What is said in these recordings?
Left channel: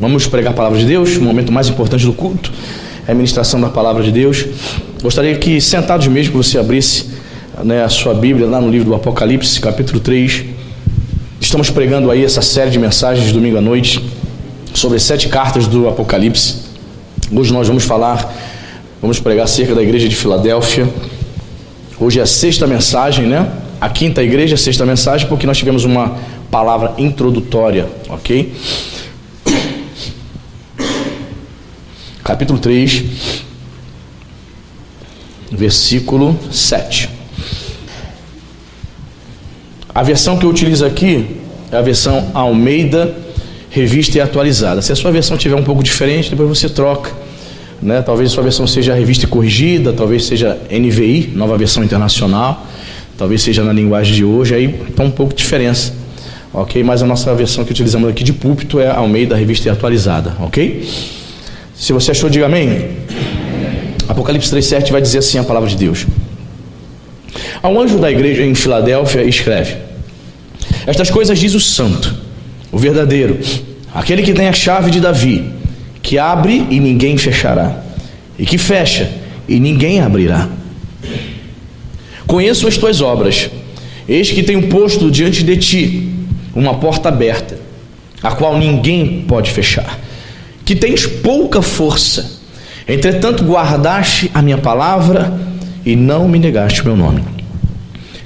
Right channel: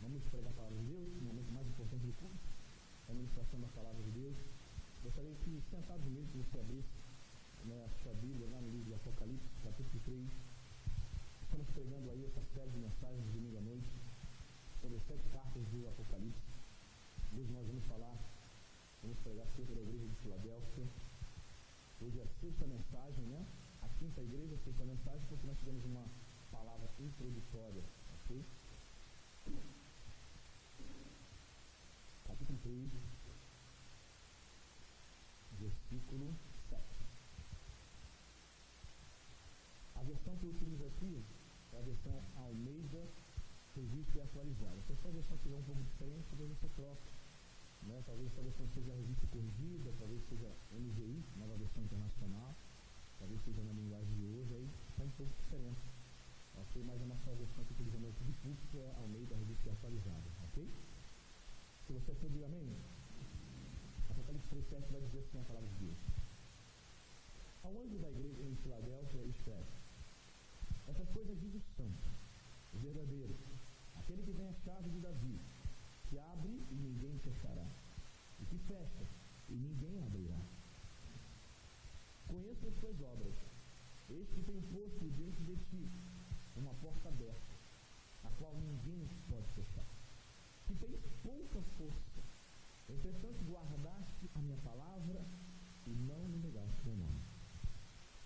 Vamos pregar a palavra de Deus. O momento mais importante do culto é a ministração da palavra de Deus. Gostaria que, sentados mesmo, que você abrisse a sua Bíblia lá no livro do Apocalipse, capítulo 3. Estamos pregando aí essa série de mensagens de domingo à noite sobre 7 cartas do Apocalipse. Hoje nós vamos pregar acerca da igreja de Filadélfia. Hoje é a 6ª mensagem, A 5ª igreja, a 6ª mensagem, porque nós tivemos uma palavra introdutória, ok? Capítulo 3, versículo 7. A versão que eu utilizo aqui é a versão Almeida, revista e atualizada. Se a sua versão tiver um pouco diferente, depois você troca, Talvez a sua versão seja revista e corrigida, talvez seja NVI, nova versão internacional, talvez seja na linguagem de hoje, aí está um pouco de diferença, ok? Mas a nossa versão que utilizamos aqui de púlpito é Almeida, revista e atualizada, ok? Se você achou, diga amém. Apocalipse 3,7 vai dizer assim a palavra de Deus: ao anjo da igreja em Filadélfia escreve: estas coisas diz o santo, o verdadeiro, aquele que tem a chave de Davi, que abre e ninguém fechará, e que fecha e ninguém abrirá. Conheço as tuas obras, eis que tenho posto diante de ti uma porta aberta, a qual ninguém pode fechar, que tens pouca força, entretanto guardaste a minha palavra e não me negaste o meu nome.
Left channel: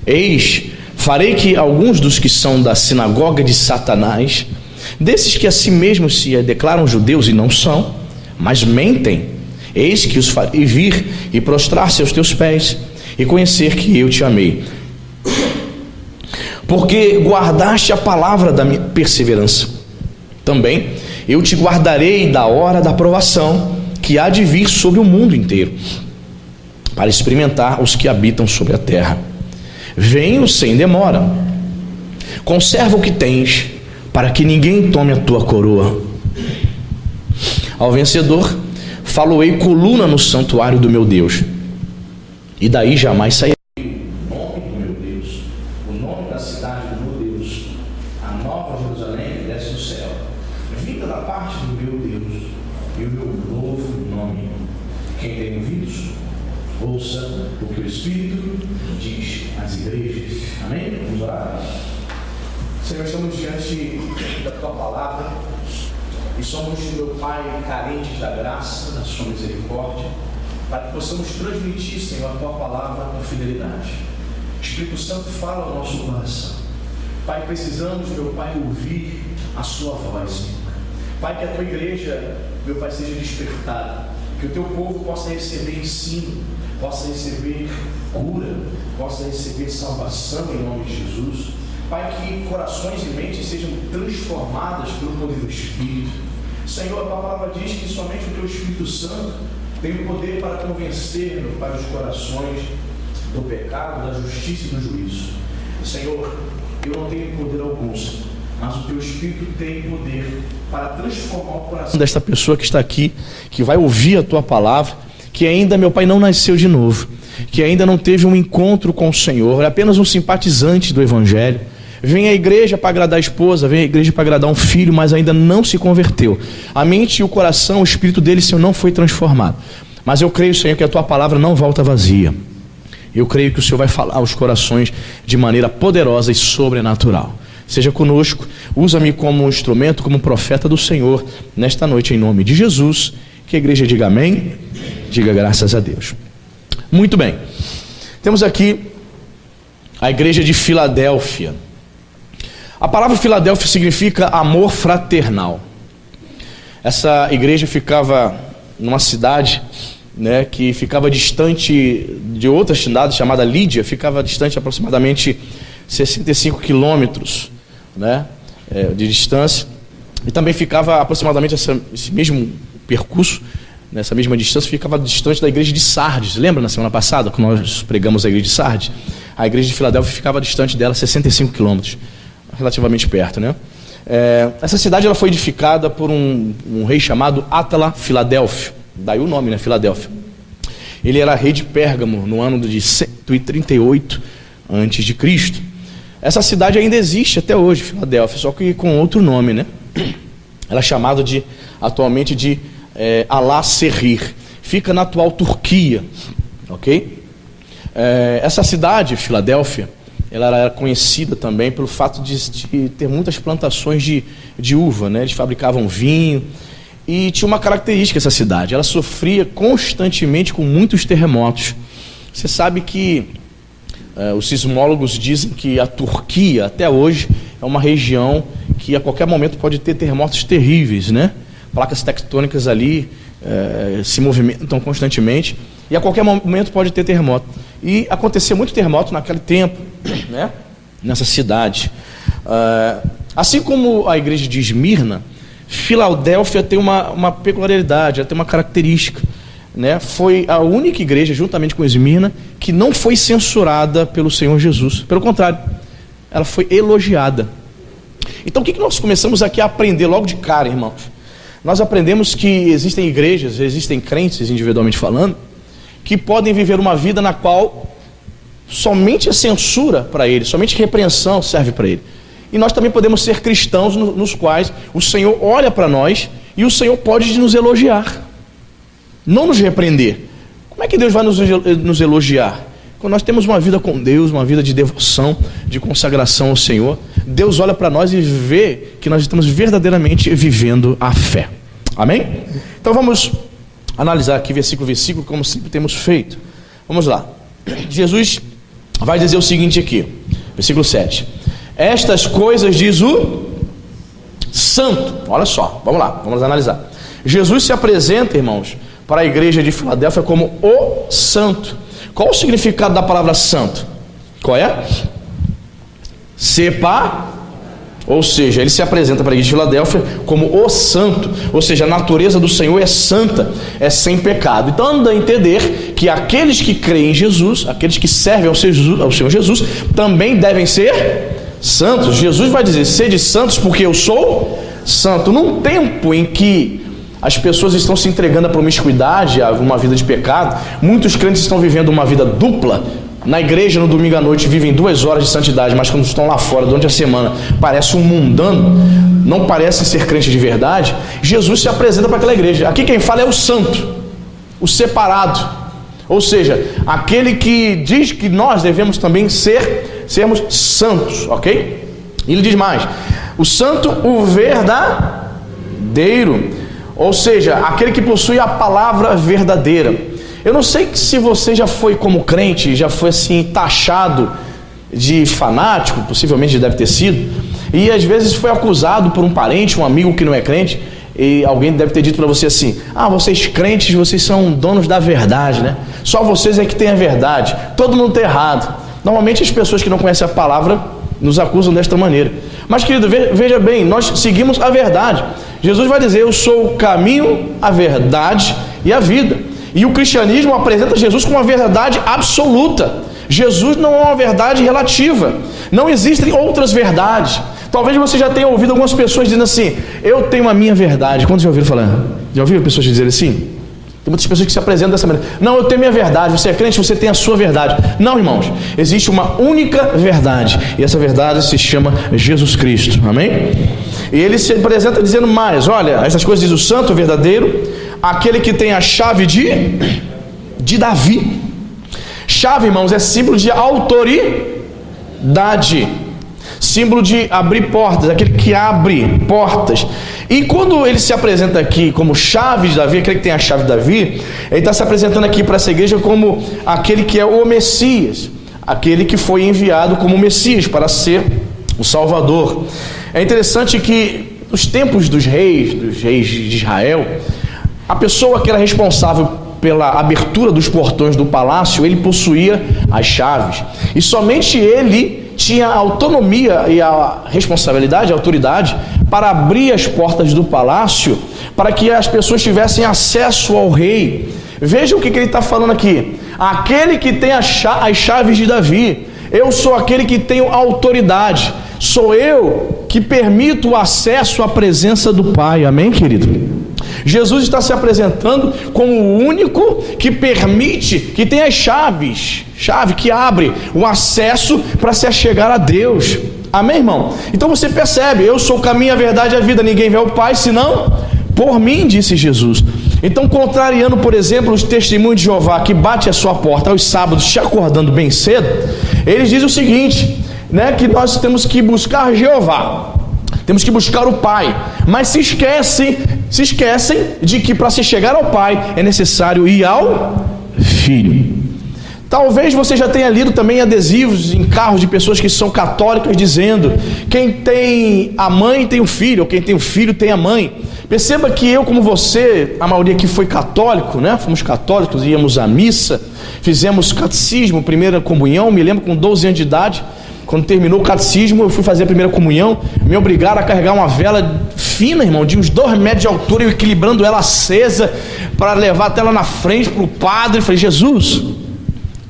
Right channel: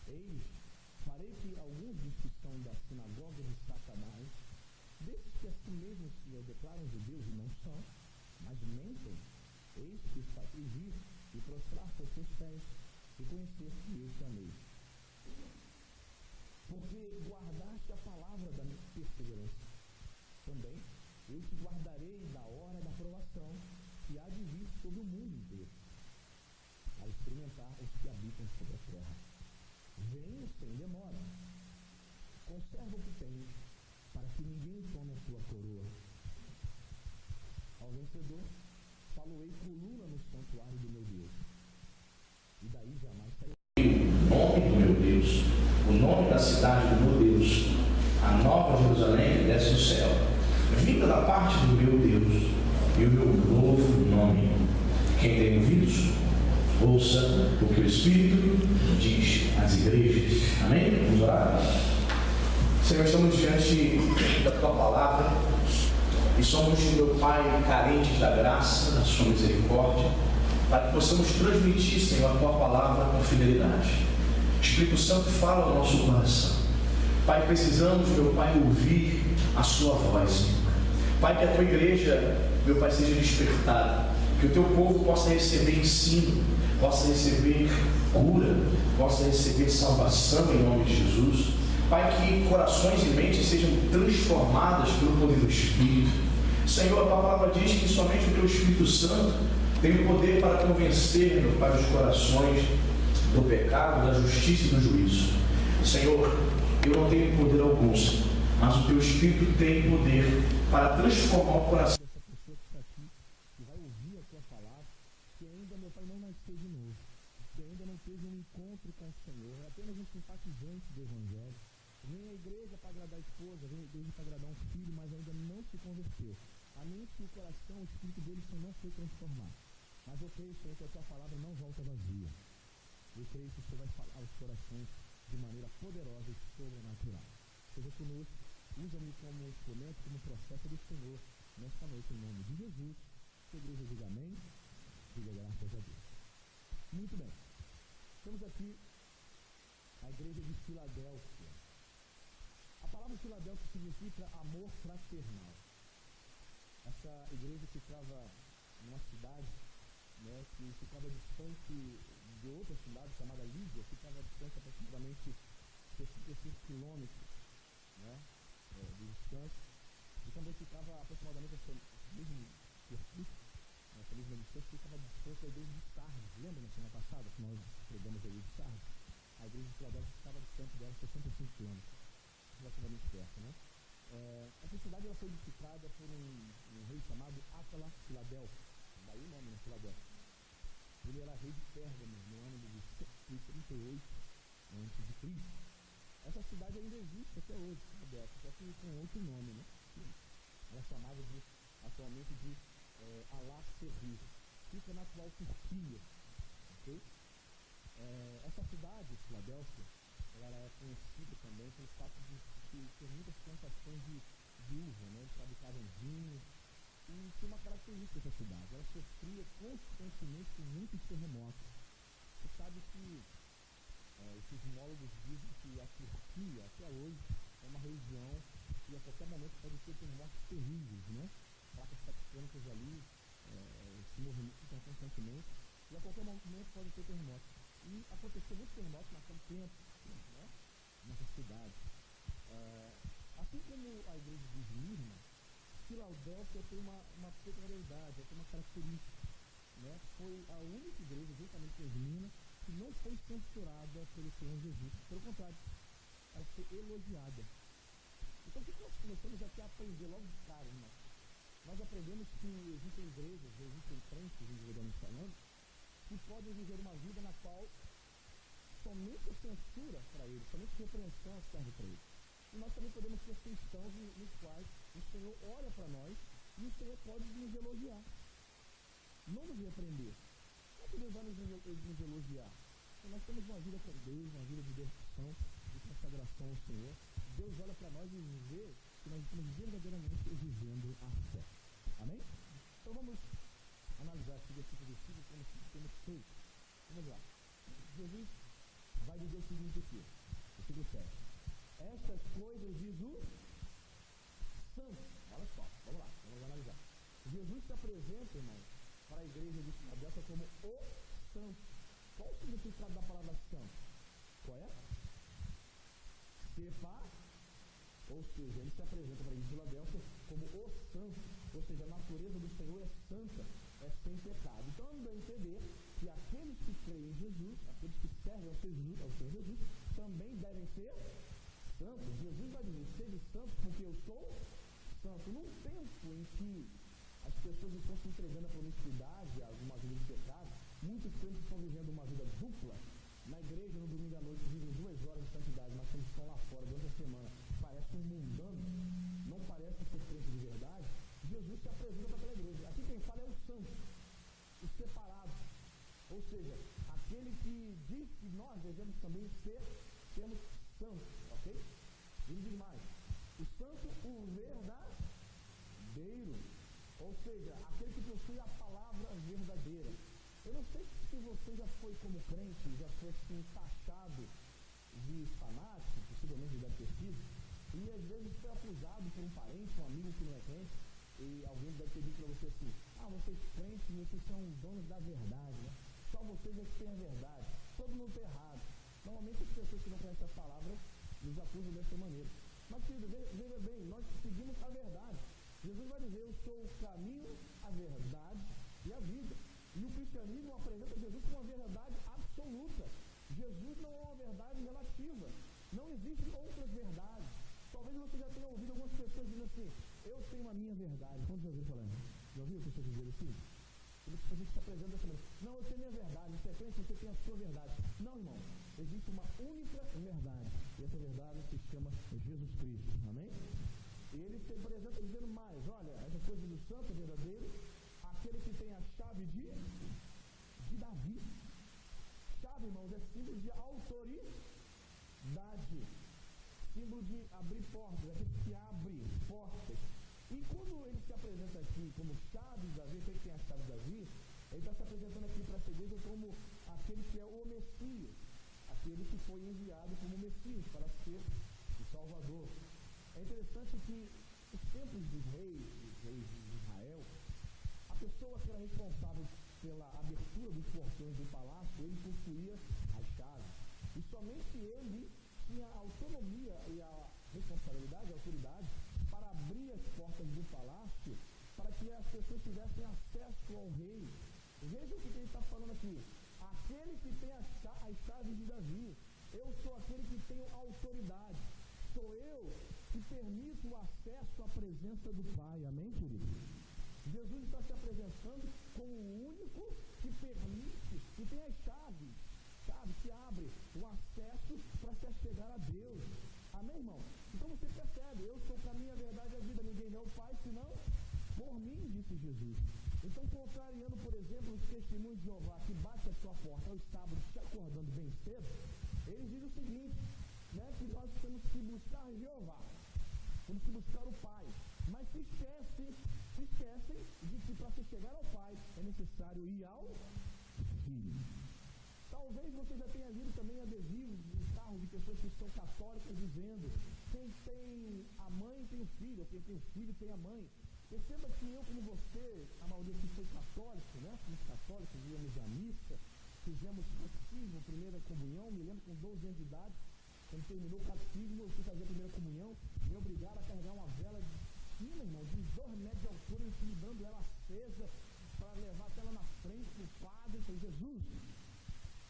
Eis, farei que alguns dos que são da sinagoga de Satanás, desses que a si mesmos se declaram judeus e não são, mas mentem, eis que os farei vir e prostrar-se aos teus pés e conhecer que eu te amei, porque guardaste a palavra da minha perseverança. Também eu te guardarei da hora da provação que há de vir sobre o mundo inteiro, para experimentar os que habitam sobre a terra. Venho sem demora. Conserva o que tens, para que ninguém tome a tua coroa. Ao vencedor faloei coluna no santuário do meu Deus, e daí jamais sairei. O nome do meu Deus, o nome da cidade do meu Deus, a nova Jerusalém que desce do céu, vinda da parte do meu Deus, e o meu novo nome. Quem tem ouvidos, ouça o que o Espírito diz às igrejas. Amém? Vamos orar? Senhor, estamos diante da Tua Palavra e somos, meu Pai, carentes da graça, da Sua misericórdia, para que possamos transmitir, Senhor, a Tua Palavra com fidelidade. Espírito Santo, fala ao nosso coração. Pai, precisamos, meu Pai, ouvir a Sua voz, Senhor. Pai, que a Tua igreja, meu Pai, seja despertada, que o Teu povo possa receber ensino, possa receber cura, possa receber salvação em nome de Jesus. Pai, que corações e mentes sejam transformadas pelo poder do Espírito. Senhor, a Tua palavra diz que somente o Teu Espírito Santo tem o poder para convencer, meu Pai, os corações do pecado, da justiça e do juízo. Senhor, eu não tenho poder algum, mas o Teu Espírito tem poder para transformar o coração desta pessoa que está aqui, que vai ouvir a Tua palavra, que ainda, meu Pai, não nasceu de novo, que ainda não teve um encontro com o Senhor, é apenas um simpatizante do Evangelho. Vem à igreja para agradar a esposa, vem à igreja para agradar um filho, mas ainda não se converteu. A mente e o coração, o espírito dele, Senhor, não foi transformado. Mas eu creio, Senhor, que a Tua palavra não volta vazia. Eu creio que o Senhor vai falar aos corações de maneira poderosa e sobrenatural. Seja conosco, usa-me como instrumento, como profeta do Senhor, nesta noite, em nome de Jesus. Que a igreja diga amém, diga graças a Deus. Muito bem, temos aqui a igreja de Filadélfia. A palavra Filadélfia significa amor fraternal. Essa igreja ficava numa cidade, que ficava distante de outra cidade chamada Lídia, ficava distante aproximadamente 65 quilômetros, de distância, e também ficava aproximadamente esse mesmo percurso, nessa mesma distância, ficava distante da igreja de Sardes. Lembra na semana passada, quando nós pregamos a igreja de Sardes? A igreja de Filadélfia ficava distante dela 65 quilômetros, relativamente perto, Essa cidade ela foi edificada por um rei chamado Átala Filadélfio, daí o nome, Filadélfia. Ele era rei de Pérgamo no ano de 138 a.C. Essa cidade ainda existe até hoje, Filadélfia, só que com outro nome, Ela é chamada atualmente de Al-Serrir. Fica na atual Turquia, ok? Essa cidade, Filadélfia, ela era conhecida também pelo fato de ter muitas plantações de uva, né? Eles fabricavam vinho e tinha uma característica essa cidade: ela sofria constantemente com muitos terremotos. Você sabe que os sismólogos dizem que a Turquia, até hoje, é uma região que a qualquer momento pode ter terremotos terríveis, né? Placas tectônicas ali se movimentam constantemente e a qualquer momento pode ter terremoto. E acontecia muito terremoto naquele tempo, né? Nessa cidade. Assim como a igreja de Esmirna, Filadélfia tem uma peculiaridade, ela tem uma característica, né? Foi a única igreja, juntamente com Esmirna, que não foi censurada pelo Senhor Jesus. Pelo contrário, ela foi elogiada. Então o que nós começamos aqui a aprender logo de cara, irmãos? Nós aprendemos que existem igrejas, existem crentes, individualmente falando, que podem viver uma vida na qual somente a censura para ele, somente repreensão serve para ele. E nós também podemos ser cristãos nos quais o Senhor olha para nós e o Senhor pode nos elogiar, não nos repreender. Como é que Deus vai nos elogiar? Quando nós temos uma vida com Deus, uma vida de devoção, de consagração ao Senhor, Deus olha para nós e vê que nós estamos verdadeiramente vivendo a fé. Amém? Então vamos analisar aqui versículo a versículo, como sempre temos feito. Vamos lá. Jesus vai dizer o seguinte aqui, versículo 7. Estas coisas diz o santo. Olha só, vamos lá, vamos analisar. Jesus se apresenta, irmãos, para a igreja de Filadélfia como o santo. Qual o significado da palavra santo? Qual é? Ou seja, ele se apresenta para a igreja de Filadélfia como o santo, ou seja, a natureza do Senhor é santa, é sem pecado. Então anda a entender que aqueles que creem em Jesus, aqueles que servem ao Senhor Jesus, também devem ser santos. Jesus vai dizer: sede santos porque eu sou santo. Num tempo em que as pessoas estão se entregando à promiscuidade, a uma vida de pecado, muitos crentes estão vivendo uma vida dupla. Na igreja, no domingo à noite, vivem 2 horas de santidade, mas quando estão lá fora, durante a semana, parece um mundano, não parece ser crente de verdade. Jesus se apresenta para aquela igreja. Aqui quem fala é o santo, o separado, ou seja, aquele que diz que nós devemos também sermos santos, ok? E ele diz mais: o santo, o verdadeiro, ou seja, aquele que possui a palavra verdadeira. Eu não sei se você já foi, como crente, já foi assim taxado de fanático, possivelmente deve ter sido, e às vezes foi acusado por um parente, um amigo que não é crente, e alguém deve ter dito para você assim: vocês crentes, vocês são donos da verdade, né? Só vocês é que têm a verdade, todo mundo está errado. Normalmente as pessoas que não conhecem a palavra nos acusam desta maneira. Mas, querido, veja bem, nós seguimos a verdade. Jesus vai dizer: eu sou o caminho, a verdade e a vida. E o cristianismo apresenta Jesus como uma verdade absoluta. Jesus não é uma verdade relativa. Não existem outras verdades. Talvez você já tenha ouvido algumas pessoas dizendo assim: eu tenho a minha verdade. Quantos já ouviram falar? Já ouviram pessoas dizerem assim? Tem muitas pessoas que se apresentam dessa maneira: não, eu tenho a minha verdade. Você é crente, você tem a sua verdade. Não, irmãos, existe uma única verdade, e essa verdade se chama Jesus Cristo. Amém? E ele se apresenta dizendo mais: olha, essas coisas diz o santo, o verdadeiro, aquele que tem a chave de Davi. Chave, irmãos, é símbolo de autoridade, símbolo de abrir portas, aquele que abre portas. E quando ele se apresenta aqui como chave de Davi, aquele que tem a chave de Davi, ele está se apresentando aqui para essa igreja como aquele que é o Messias, aquele que foi enviado como Messias para ser o Salvador. É interessante que nos tempos dos reis de Israel, a pessoa que era responsável pela abertura dos portões do palácio, ele possuía as chaves. E somente ele tinha a autonomia e a responsabilidade, a autoridade, para abrir as portas do palácio, para que as pessoas tivessem acesso ao rei. Veja o que ele está falando aqui: aquele que tem as chaves de Davi. Eu sou aquele que tenho autoridade. Sou eu que permito o acesso à presença do Pai. Amém, querido? Jesus está se apresentando como o único que permite, que tem as chaves, chave que abre o acesso para se achegar a Deus. Amém, irmão? Então você percebe, eu sou o caminho, a verdade e a vida, ninguém vê ao Pai senão por mim, disse Jesus. Então, contrariando, por exemplo, os testemunhos de Jeová que bate a sua porta aos sábados, te acordando bem cedo, eles dizem o seguinte, né, que nós temos que buscar Jeová, temos que buscar o Pai, mas se esquecem de que para se chegar ao Pai é necessário ir ao Filho. Talvez você já tenha lido também adesivos em carros de pessoas que são católicas dizendo: quem tem a mãe tem o filho, ou quem tem o filho tem a mãe. Perceba que eu, como você, a maioria aqui foi católico, né? Fomos católicos, íamos à missa, fizemos catecismo, primeira comunhão. Me lembro com 12 anos de idade, quando terminou o catecismo, eu fui fazer a primeira comunhão. Me obrigaram a carregar uma vela fina, irmão, de uns 2 metros de altura, eu equilibrando ela acesa para levar até lá na frente para o padre. Eu falei: Jesus.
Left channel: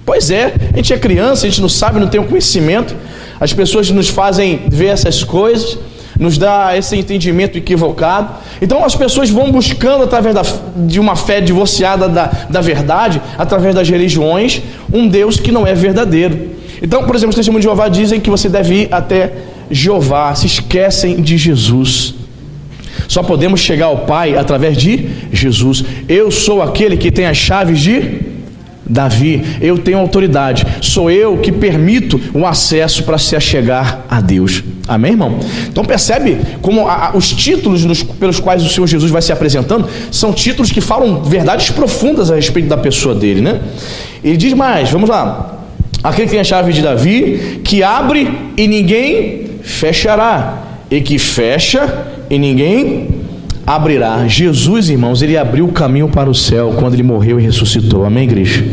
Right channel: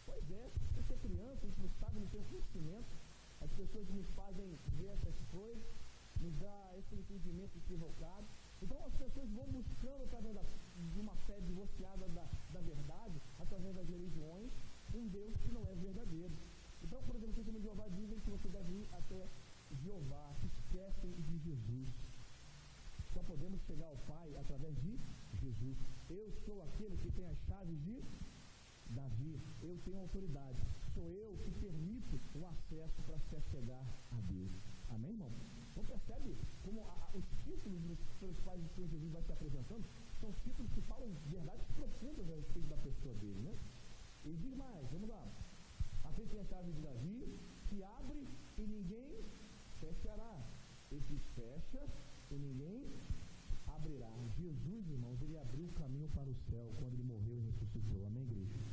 Pois é, a gente é criança, a gente não sabe, não tem o conhecimento. As pessoas nos fazem ver essas coisas, nos dá esse entendimento equivocado. Então as pessoas vão buscando, através de uma fé divorciada da verdade, através das religiões, um Deus que não é verdadeiro. Então, por exemplo, os testemunhos de Jeová dizem que você deve ir até Jeová, se esquecem de Jesus. Só podemos chegar ao Pai através de Jesus. Eu sou aquele que tem as chaves de Davi, eu tenho autoridade, sou eu que permito o acesso para se achegar a Deus. Amém, irmão? Então percebe como os títulos pelos quais o Senhor Jesus vai se apresentando são títulos que falam verdades profundas a respeito da pessoa dele, né? Ele diz mais, vamos lá: aquele que tem a chave de Davi, que abre e ninguém fechará, e que fecha e ninguém abrirá. Jesus, irmãos, ele abriu o caminho para o céu quando ele morreu e ressuscitou. Amém, igreja?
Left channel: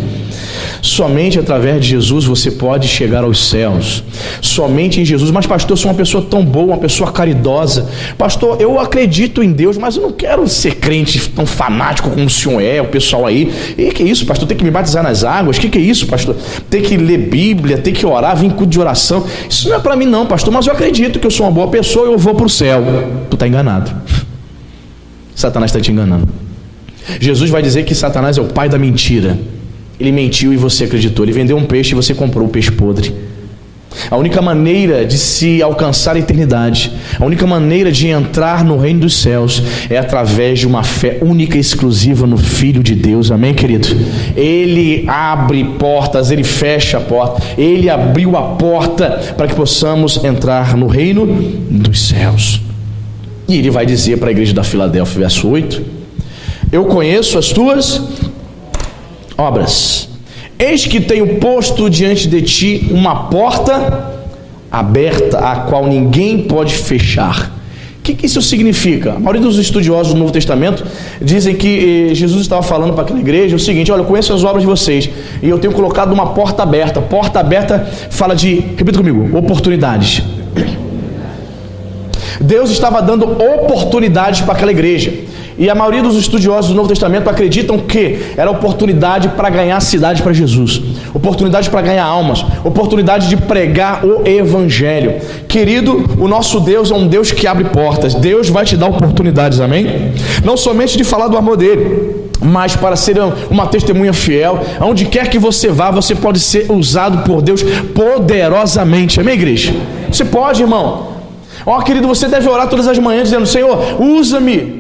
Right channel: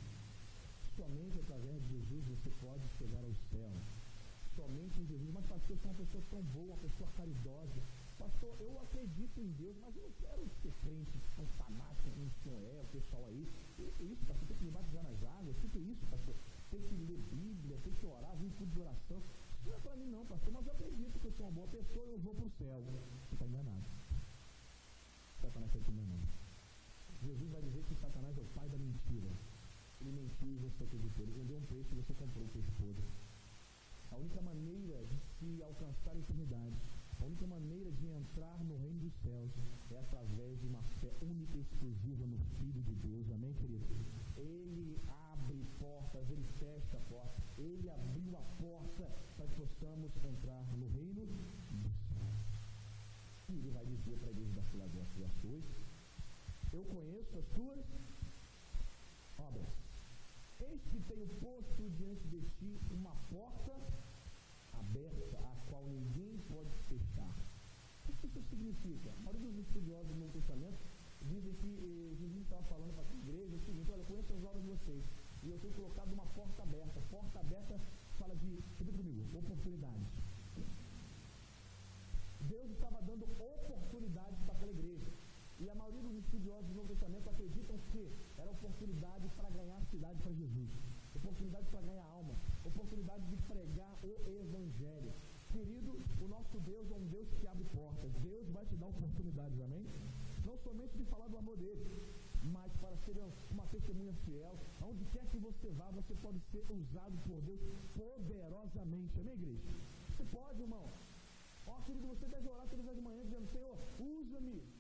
Somente através de Jesus você pode chegar aos céus. Somente em Jesus. Mas pastor, eu sou uma pessoa tão boa, uma pessoa caridosa. Pastor, eu acredito em Deus, mas eu não quero ser crente tão fanático como o senhor é, o pessoal aí. E que é isso, pastor? Tem que me batizar nas águas? Que é isso, pastor? Tem que ler Bíblia, tem que orar, vir em culto de oração. Isso não é para mim não, pastor, mas eu acredito que eu sou uma boa pessoa e eu vou para o céu. Tu está enganado. Satanás está te enganando. Jesus vai dizer que Satanás é o pai da mentira. Ele mentiu e você acreditou. Ele vendeu um peixe e você comprou o peixe podre. A única maneira de se alcançar a eternidade, a única maneira de entrar no reino dos céus é através de uma fé única e exclusiva no Filho de Deus. Amém, querido? Ele abre portas, ele fecha a porta. Ele abriu a porta para que possamos entrar no reino dos céus. E ele vai dizer para a igreja da Filadélfia, verso 8: eu conheço as tuas obras, eis que tenho posto diante de ti uma porta aberta, a qual ninguém pode fechar. O que isso significa? A maioria dos estudiosos do Novo Testamento dizem que Jesus estava falando para aquela igreja o seguinte: olha, eu conheço as obras de vocês e eu tenho colocado uma porta aberta. Porta aberta fala de, repita comigo, oportunidades. Deus estava dando oportunidades para aquela igreja. E a maioria dos estudiosos do Novo Testamento acreditam que era oportunidade para ganhar a cidade para Jesus, oportunidade para ganhar almas, oportunidade de pregar o Evangelho. Querido, o nosso Deus é um Deus que abre portas. Deus vai te dar oportunidades, amém? Não somente de falar do amor dele, mas para ser uma testemunha fiel. Aonde quer que você vá, você pode ser usado por Deus poderosamente. Amém, igreja? Você pode, irmão. Ó, querido, você deve orar todas as manhãs dizendo: Senhor, usa-me.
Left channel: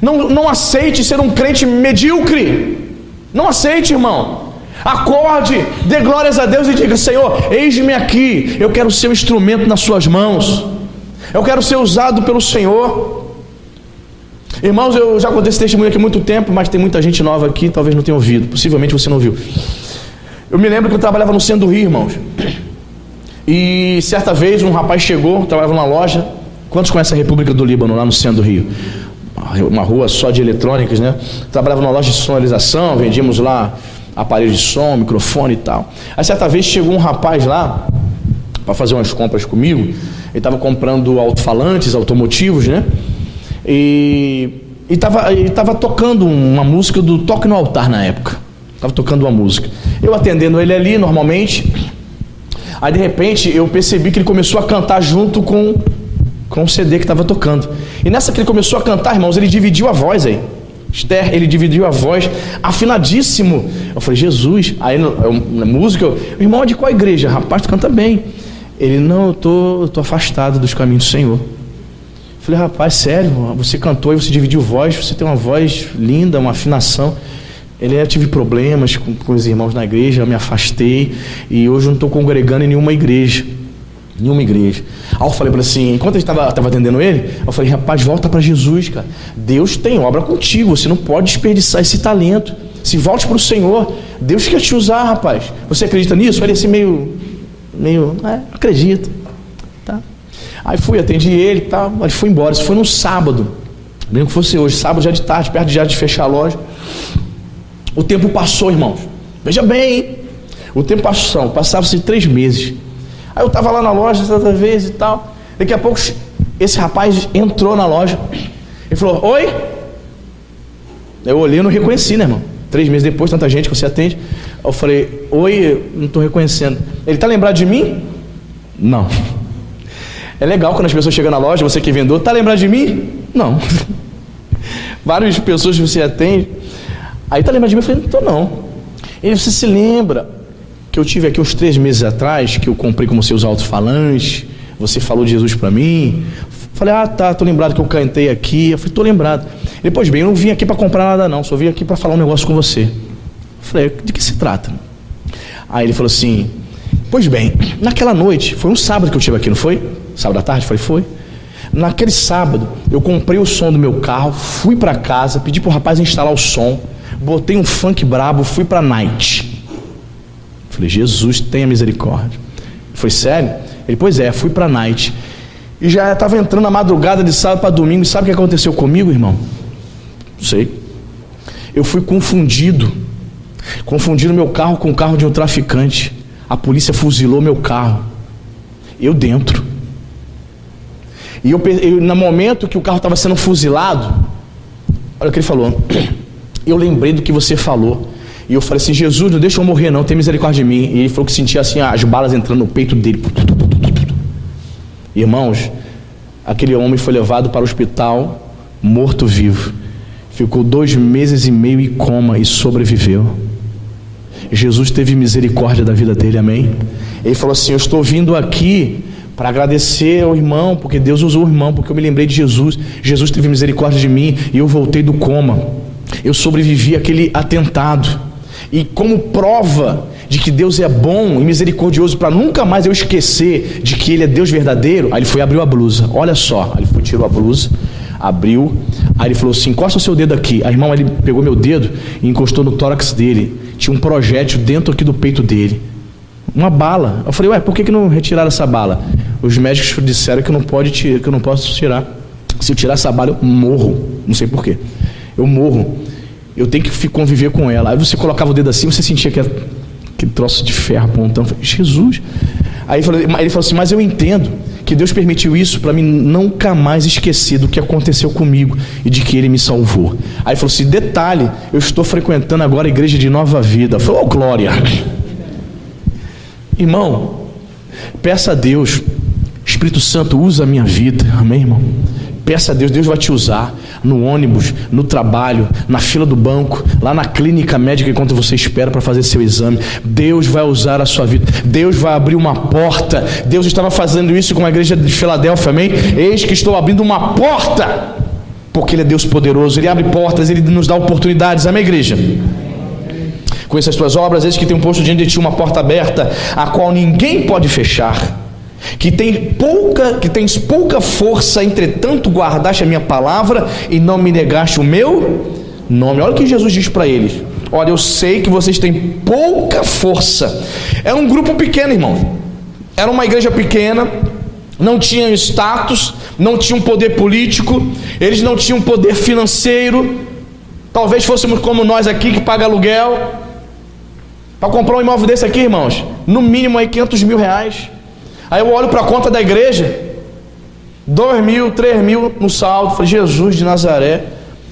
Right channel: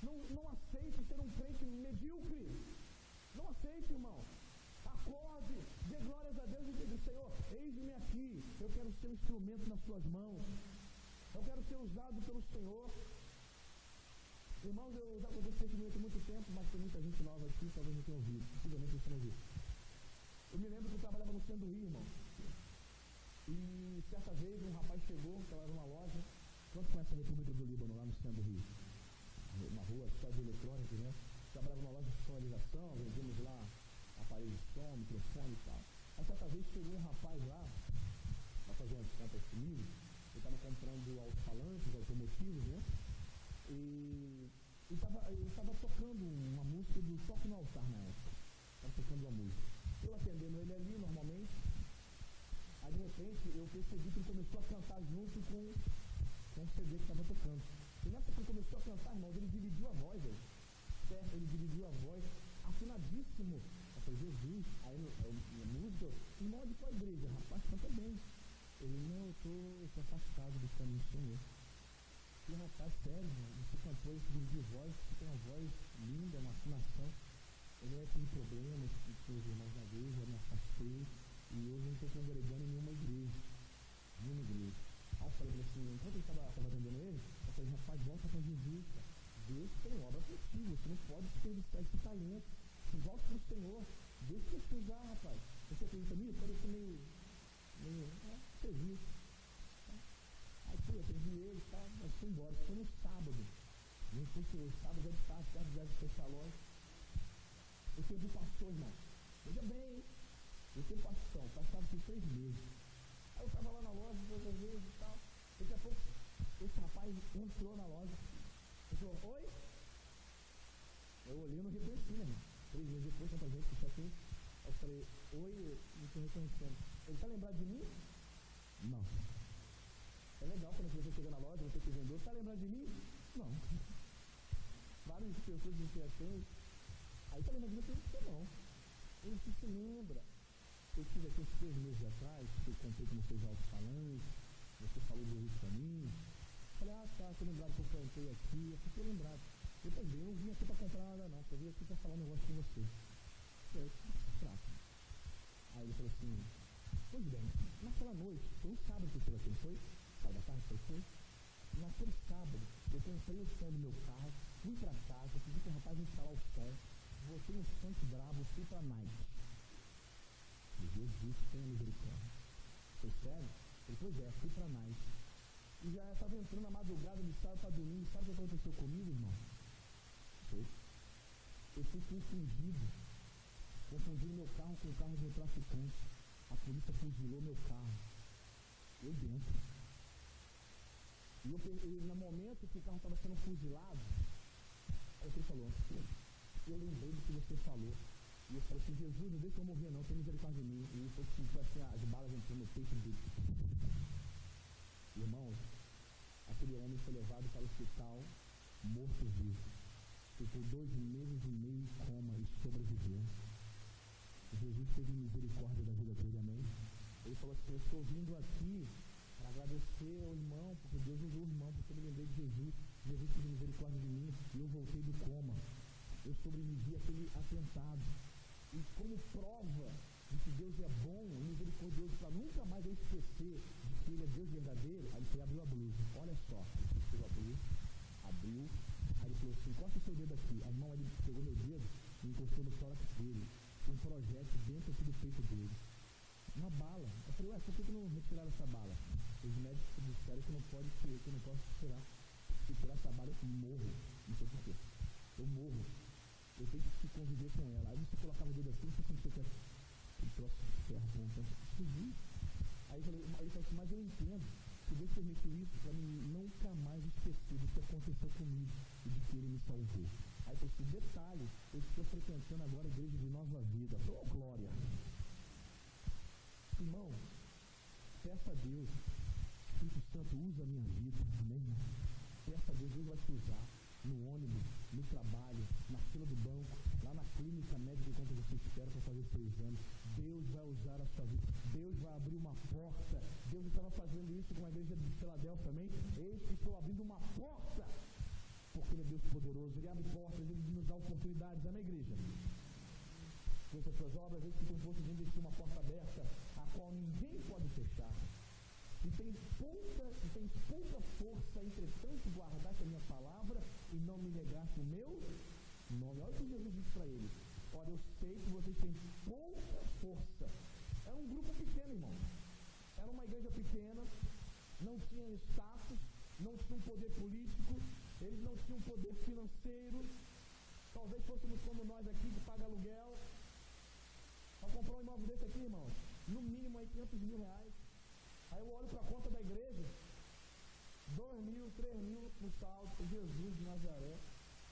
Não aceite ser um crente medíocre. Não aceite, irmão. Acorde, dê glórias a Deus e diga: Senhor, eis-me aqui. Eu quero ser um instrumento nas suas mãos. Eu quero ser usado pelo Senhor. Irmãos, eu já contei esse testemunho aqui há muito tempo, mas tem muita gente nova aqui, talvez não tenha ouvido. Possivelmente você não ouviu. Eu me lembro que eu trabalhava no centro do Rio, irmãos. E certa vez um rapaz chegou, trabalhava numa loja. Quantos conhecem a República do Líbano, lá no centro do Rio? Uma rua só de eletrônicas, né? Trabalhava numa loja de sonorização, vendíamos lá aparelhos de som, microfone e tal. Aí certa vez chegou um rapaz lá para fazer umas compras comigo. Ele estava comprando alto-falantes, automotivos, né? E estava tocando uma música do Toque no Altar na época. Estava tocando uma música. Eu atendendo ele ali normalmente. Aí de repente eu percebi que ele começou a cantar junto com o CD que estava tocando. E nessa que ele começou a cantar, irmãos, ele dividiu a voz aí. Esther, ele dividiu a voz, afinadíssimo. Eu falei: Jesus. Aí na música, irmão, de qual igreja? Rapaz, tu canta bem. Ele, não, eu tô afastado dos caminhos do Senhor. Falei, rapaz, sério, você cantou e você dividiu voz, você tem uma voz linda, uma afinação. Ele, eu tive problemas com os irmãos na igreja, eu me afastei e hoje eu não estou congregando em nenhuma igreja. Aí eu falei para ele assim, enquanto eu estava atendendo ele, eu falei, rapaz, volta para Jesus, cara. Deus tem obra contigo, você não pode desperdiçar esse talento. Se volte para o Senhor, Deus quer te usar, rapaz. Você acredita nisso? Ele assim meio, acredito. Tá. Aí fui, atendi ele, tá, ele foi embora. Isso foi num sábado, mesmo que fosse hoje, sábado já de tarde, perto já de fechar a loja. O tempo passou, irmãos. Veja bem, hein? O tempo passou, passavam-se 3 meses. Aí eu estava lá na loja outra vez e tal. Daqui a pouco esse rapaz entrou na loja. Ele falou, oi? Eu olhei e não reconheci, né, irmão? 3 meses depois, tanta gente que você atende. Eu falei, oi, não estou reconhecendo. Ele está lembrado de mim? Não. É legal quando as pessoas chegam na loja, você que é vendedor, está lembrado de mim? Não. Várias pessoas que você atende. Aí está lembrado de mim? Eu falei, não estou não. Ele, você se lembra que eu tive aqui uns 3 meses atrás, que eu comprei com você os alto-falantes, você falou de Jesus para mim? Falei, tá, estou lembrado que eu cantei aqui. Eu falei, estou lembrado. Ele, pois bem, eu não vim aqui para comprar nada não, só vim aqui para falar um negócio com você. Eu falei, de que se trata? Aí ele falou assim, pois bem, naquela noite, foi um sábado que eu estive aqui, não foi? Sábado à tarde? Eu falei, foi. Naquele sábado, eu comprei o som do meu carro, fui para casa, pedi para o rapaz instalar o som, botei um funk brabo, fui para a night. Falei, Jesus, tenha misericórdia. Foi sério? Ele, pois é, fui para a night. E já estava entrando na madrugada de sábado para domingo. E sabe o que aconteceu comigo, irmão? Não sei. Eu fui confundido meu carro com o carro de um traficante. A polícia fuzilou meu carro. Eu dentro. E eu no momento que o carro estava sendo fuzilado, olha o que ele falou. Eu lembrei do que você falou. E eu falei assim, Jesus, não deixa eu morrer não, tem misericórdia de mim. E ele falou que sentia assim as balas entrando no peito dele. Irmãos, aquele homem foi levado para o hospital morto-vivo. Ficou 2 meses e meio em coma e sobreviveu. Jesus teve misericórdia da vida dele, amém? Ele falou assim, eu estou vindo aqui para agradecer ao irmão, porque Deus usou o irmão, porque eu me lembrei de Jesus. Jesus teve misericórdia de mim e eu voltei do coma. Eu sobrevivi àquele atentado. E como prova de que Deus é bom e misericordioso, para nunca mais eu esquecer de que Ele é Deus verdadeiro, aí ele foi e abriu a blusa, olha só, aí ele foi, tirou a blusa, abriu, aí ele falou assim, encosta o seu dedo aqui. Aí irmão, ele pegou meu dedo e encostou no tórax dele, tinha um projétil dentro aqui do peito dele, uma bala. Eu falei, por que não retiraram essa bala? Os médicos disseram que eu não posso tirar, se eu tirar essa bala eu morro, não sei porquê, eu morro, eu tenho que conviver com ela. Aí você colocava o dedo assim, você sentia que troço de ferro apontando. Falei, Jesus. Aí ele falou assim, mas eu entendo que Deus permitiu isso para mim nunca mais esquecer do que aconteceu comigo e de que Ele me salvou. Aí ele falou assim, detalhe, eu estou frequentando agora a igreja de Nova Vida. Eu falei, glória. Irmão, peça a Deus, Espírito Santo, usa a minha vida, amém, irmão? Peça a Deus, Deus vai te usar no ônibus, no trabalho, na fila do banco, lá na clínica médica enquanto você espera para fazer seu exame. Deus vai usar a sua vida, Deus vai abrir uma porta. Deus estava fazendo isso com a igreja de Filadélfia, amém? Eis que estou abrindo uma porta, porque Ele é Deus poderoso, Ele abre portas, Ele nos dá oportunidades, amém, igreja? Conheça as tuas obras, eis que tem um posto diante de ti uma porta aberta, a qual ninguém pode fechar. Que tens pouca força, entretanto guardaste a minha palavra e não me negaste o meu nome. Olha o que Jesus diz para eles. Olha, eu sei que vocês têm pouca força. Era um grupo pequeno, irmão. Era uma igreja pequena, não tinham status, não tinham poder político, eles não tinham poder financeiro. Talvez fôssemos como nós aqui que paga aluguel. Para comprar um imóvel desse aqui, irmãos, no mínimo aí 500 mil reais. Aí eu olho para a conta da igreja, 2 mil, 3 mil no saldo. Falei, Jesus de Nazaré,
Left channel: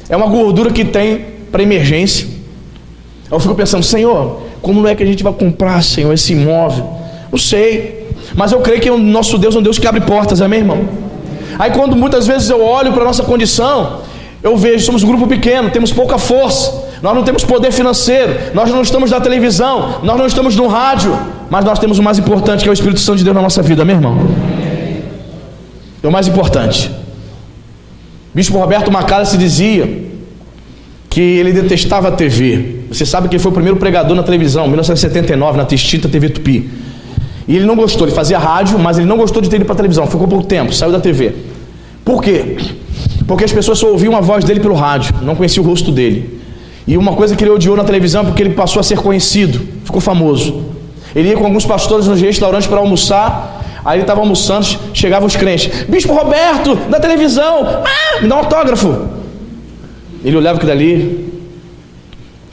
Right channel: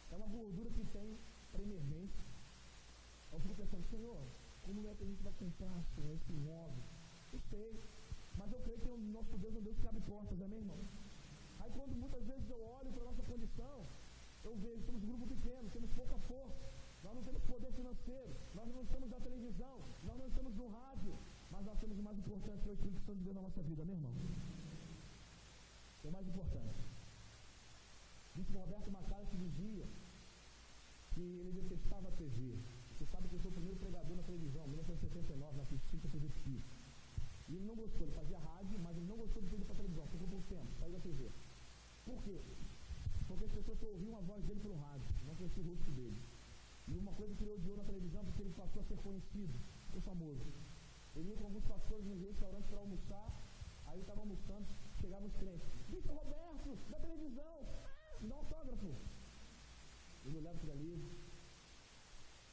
é uma gordura que tem para emergência. Aí eu fico pensando, Senhor, como é que a gente vai comprar, Senhor, esse imóvel? Não sei, mas eu creio que o nosso Deus é um Deus que abre portas, amém, irmão? Aí quando muitas vezes eu olho para a nossa condição, Eu vejo, somos um grupo pequeno, temos pouca força, nós não temos poder financeiro, nós não estamos na televisão, nós não estamos no rádio, mas nós temos o mais importante, que é o Espírito Santo de Deus na nossa vida, meu irmão. É o mais importante. Bispo Roberto Macalester dizia que ele detestava a TV. Você sabe que ele foi o primeiro pregador na televisão, em 1979, na extinta TV Tupi. E ele não gostou, ele fazia rádio, mas ele não gostou de ter ido para a televisão, ficou pouco tempo, saiu da TV. Por quê? Porque as pessoas só ouviam a voz dele pelo rádio, não conheciam o rosto dele. E uma coisa que ele odiou na televisão é porque ele passou a ser conhecido, ficou famoso. Ele ia com alguns pastores nos restaurantes para almoçar, aí ele estava almoçando, chegavam os crentes: Bispo Roberto, da televisão, me dá um autógrafo. Ele olhava aquilo dali,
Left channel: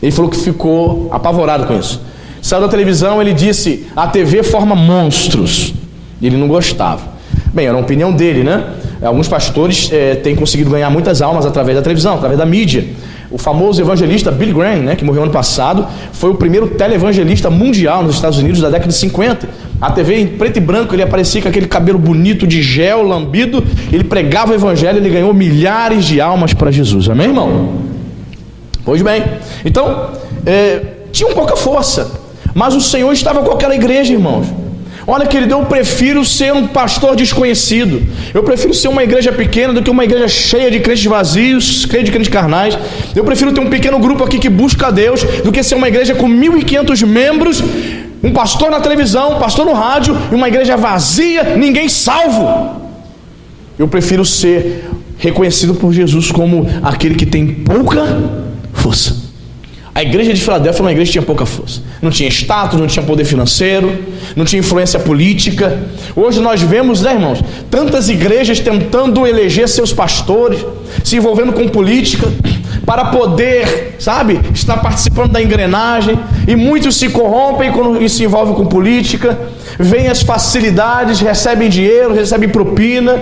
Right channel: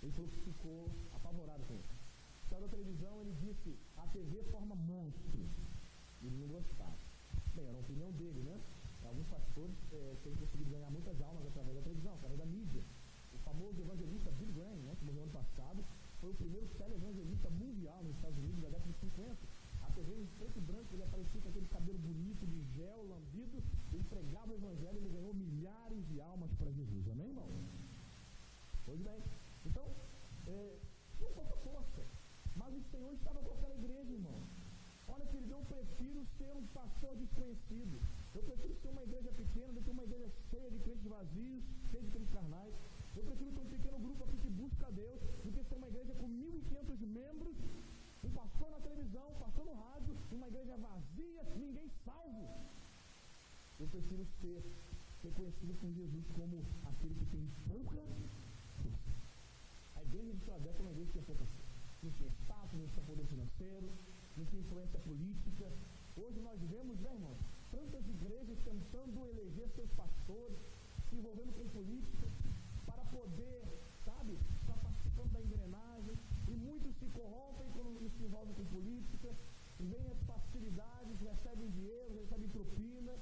ele falou que ficou apavorado com isso. Saiu da televisão, ele disse: a TV forma monstros. E ele não gostava. Bem, era uma opinião dele, né? Alguns pastores têm conseguido ganhar muitas almas através da televisão, através da mídia. O famoso evangelista Billy Graham, né, que morreu ano passado, foi o primeiro televangelista mundial nos Estados Unidos da década de 50. A TV em preto e branco, ele aparecia com aquele cabelo bonito de gel, lambido, ele pregava o evangelho, ele ganhou milhares de almas para Jesus. Amém, irmão? Pois bem, então, tinha um pouca força, mas o Senhor estava com aquela igreja, irmãos. Olha, querido, eu prefiro ser um pastor desconhecido, eu prefiro ser uma igreja pequena do que uma igreja cheia de crentes vazios, cheia de crentes carnais. Eu prefiro ter um pequeno grupo aqui que busca a Deus do que ser uma igreja com 1.500 membros, um pastor na televisão, um pastor no rádio e uma igreja vazia, ninguém salvo. Eu prefiro ser reconhecido por Jesus como aquele que tem pouca força. A igreja de Filadélfia era uma igreja que tinha pouca força, não tinha status, não tinha poder financeiro, não tinha influência política. Hoje nós vemos, né, irmãos, tantas igrejas tentando eleger seus pastores, se envolvendo com política, para poder, sabe, estar participando da engrenagem, e muitos se corrompem quando se envolvem com política, vêm as facilidades, recebem dinheiro, recebem propina.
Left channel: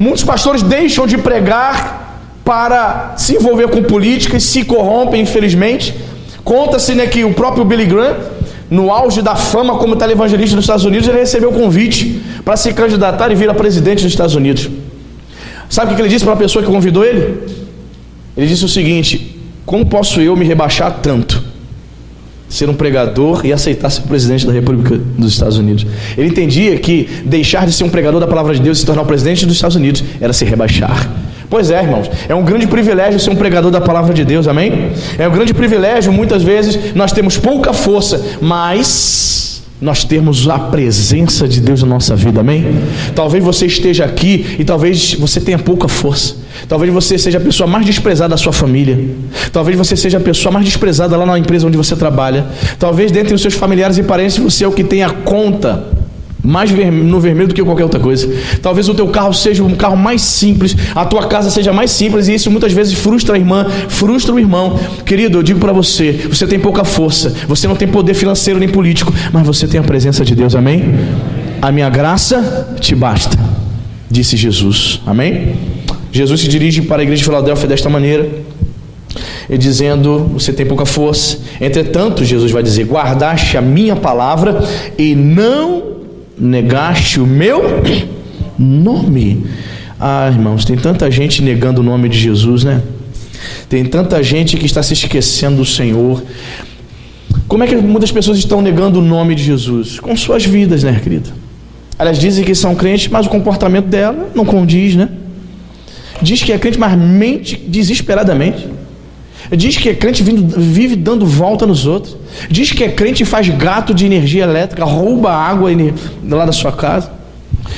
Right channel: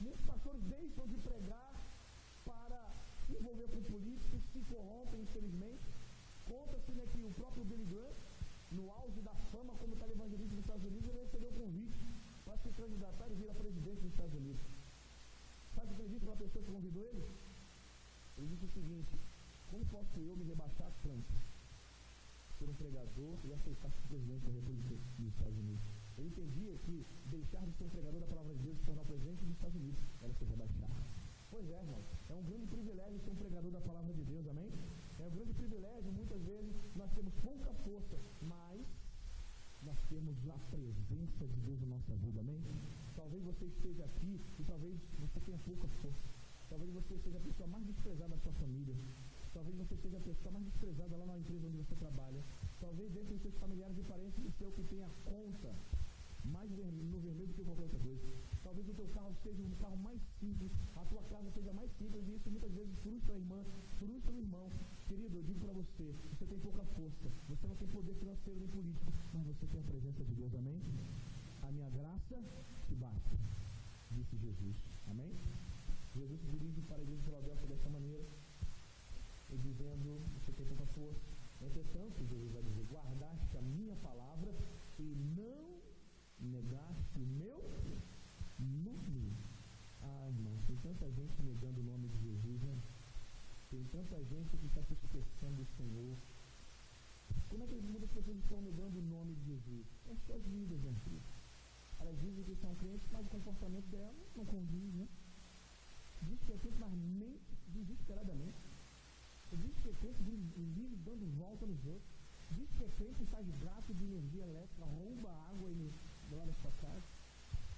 Muitos pastores deixam de pregar para se envolver com política e se corrompem, infelizmente. Conta-se, né, que o próprio Billy Graham, no auge da fama como televangelista nos Estados Unidos, ele recebeu o convite para se candidatar e vir a presidente dos Estados Unidos. Sabe o que ele disse para a pessoa que convidou ele? Ele disse o seguinte: como posso eu me rebaixar tanto, ser um pregador e aceitar ser presidente da República dos Estados Unidos? Ele entendia que deixar de ser um pregador da palavra de Deus e se tornar o presidente dos Estados Unidos era se rebaixar. Pois é, irmãos, é um grande privilégio ser um pregador da palavra de Deus, amém? É um grande privilégio, muitas vezes nós temos pouca força, mas nós temos a presença de Deus na nossa vida, amém? Talvez você esteja aqui e talvez você tenha pouca força, talvez você seja a pessoa mais desprezada da sua família, talvez você seja a pessoa mais desprezada lá na empresa onde você trabalha, talvez dentre os seus familiares e parentes você é o que tem a conta mais no vermelho do que qualquer outra coisa. Talvez o teu carro seja um carro mais simples, a tua casa seja mais simples, e isso muitas vezes frustra a irmã, frustra o irmão. Querido, eu digo para você, você tem pouca força, você não tem poder financeiro nem político, mas você tem a presença de Deus, amém? A minha graça te basta, disse Jesus, amém? Jesus se dirige para a igreja de Filadélfia desta maneira, e dizendo: você tem pouca força. Entretanto, Jesus vai dizer: guardaste a minha palavra e não negaste o meu nome. Ah, irmãos, tem tanta gente negando o nome de Jesus, né? Tem tanta gente que está se esquecendo do Senhor. Como é que muitas pessoas estão negando o nome de Jesus? Com suas vidas, né, querida? Elas dizem que são crentes, mas o comportamento dela não condiz, né? Diz que é crente, mas mente desesperadamente. Diz que é crente, vive dando volta nos outros. Diz que é crente e faz gato de energia elétrica, rouba água lá da sua casa.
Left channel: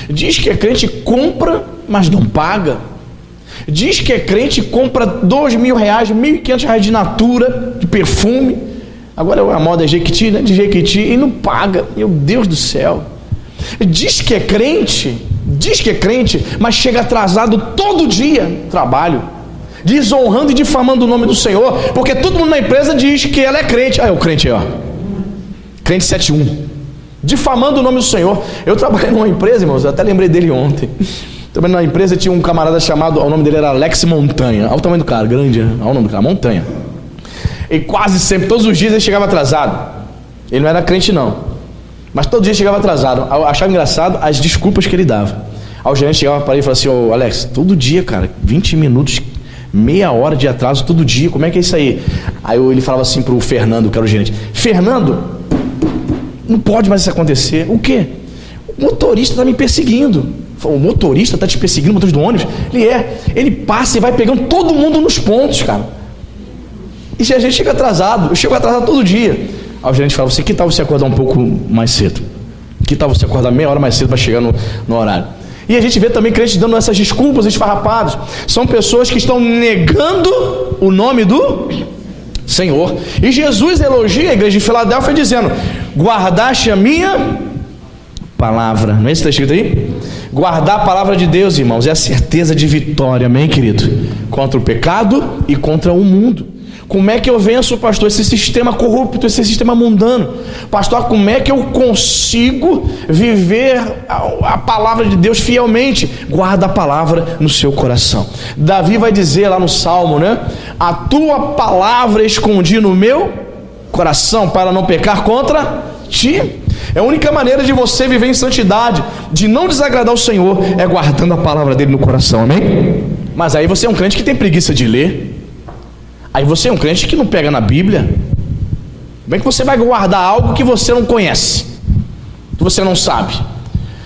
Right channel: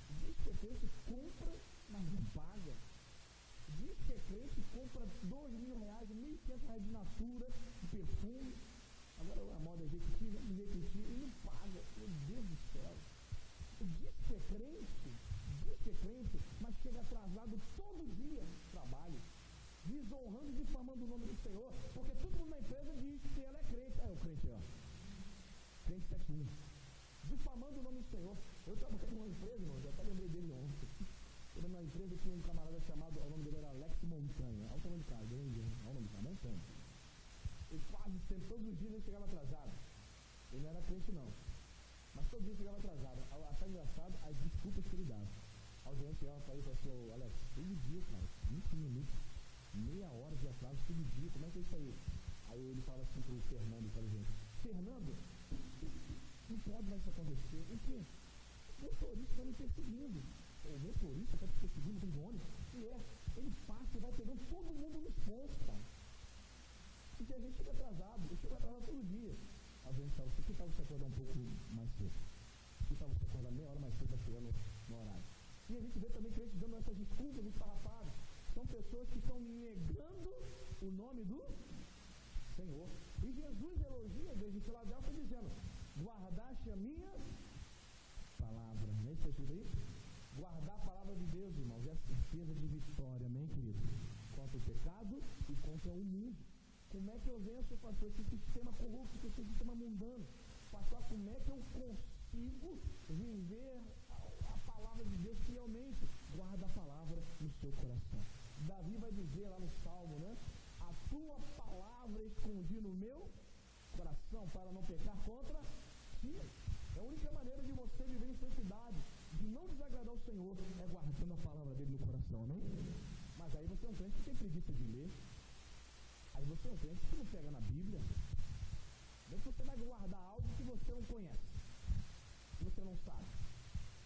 Diz que é crente e compra, mas não paga. Diz que é crente e compra R$2.000, R$1.500 de Natura, de perfume. Agora a moda é Jequiti, né? De Jequiti, e não paga. Meu Deus do céu. Diz que é crente, mas chega atrasado todo dia no trabalho, desonrando e difamando o nome do Senhor, porque todo mundo na empresa diz que ela é crente. Ah, é o crente aí, ó, crente 71, difamando o nome do Senhor. Eu trabalhei numa empresa, irmãos, eu até lembrei dele ontem. Também na empresa tinha um camarada chamado, o nome dele era Alex Montanha. Olha o tamanho do cara, grande, né? Olha o nome do cara, Montanha. E quase sempre, todos os dias ele chegava atrasado. Ele não era crente não, mas todo dia chegava atrasado. Eu achava engraçado as desculpas que ele dava. Aí o gerente chegava para ele e falava assim: ô Alex, todo dia, cara, 20 minutos Meia hora de atraso todo dia, como é que é isso aí? Aí ele falava assim pro Fernando, que era o gerente: Fernando, não pode mais isso acontecer. O quê? O motorista está me perseguindo. O motorista está te perseguindo, o motorista do ônibus? Ele passa e vai pegando todo mundo nos pontos, cara. E a gente chega atrasado, eu chego atrasado todo dia. Aí o gerente fala assim: que tal você acordar um pouco mais cedo? Que tal você acordar meia hora mais cedo para chegar no horário? E a gente vê também crentes dando essas desculpas esfarrapadas. São pessoas que estão negando o nome do Senhor. E Jesus elogia a igreja de Filadélfia dizendo: guardaste a minha palavra. Não é isso que está escrito aí? Guardar a palavra de Deus, irmãos, é a certeza de vitória, amém, querido? Contra o pecado e contra o mundo. Como é que eu venço, pastor, esse sistema corrupto, esse sistema mundano? Pastor, como é que eu consigo viver a palavra de Deus fielmente? Guarda a palavra no seu coração. Davi vai dizer lá no Salmo, né? A tua palavra escondi no meu coração para não pecar contra ti. É a única maneira de você viver em santidade, de não desagradar o Senhor, é guardando a palavra dele no coração, amém? Mas aí você é um crente que tem preguiça de ler. Aí você é um crente que não pega na Bíblia. Como é que você vai guardar algo que você não conhece, que você não sabe?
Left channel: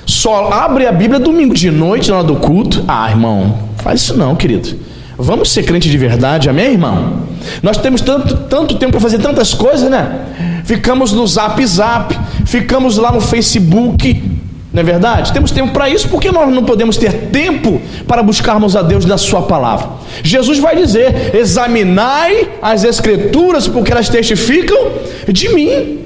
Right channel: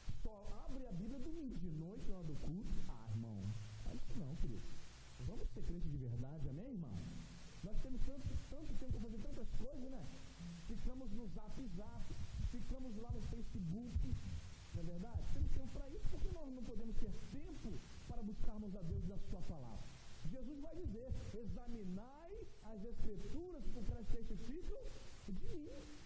Só abre a Bíblia domingo de noite na hora do culto. Ah, irmão, faz isso não, querido. Vamos ser crente de verdade, amém, irmão? Nós temos tanto tempo para fazer tantas coisas, né? Ficamos no Zap, ficamos lá no Facebook, não é verdade? Temos tempo para isso, porque nós não podemos ter tempo para buscarmos a Deus na sua palavra. Jesus vai dizer: examinai as Escrituras, porque elas testificam de mim.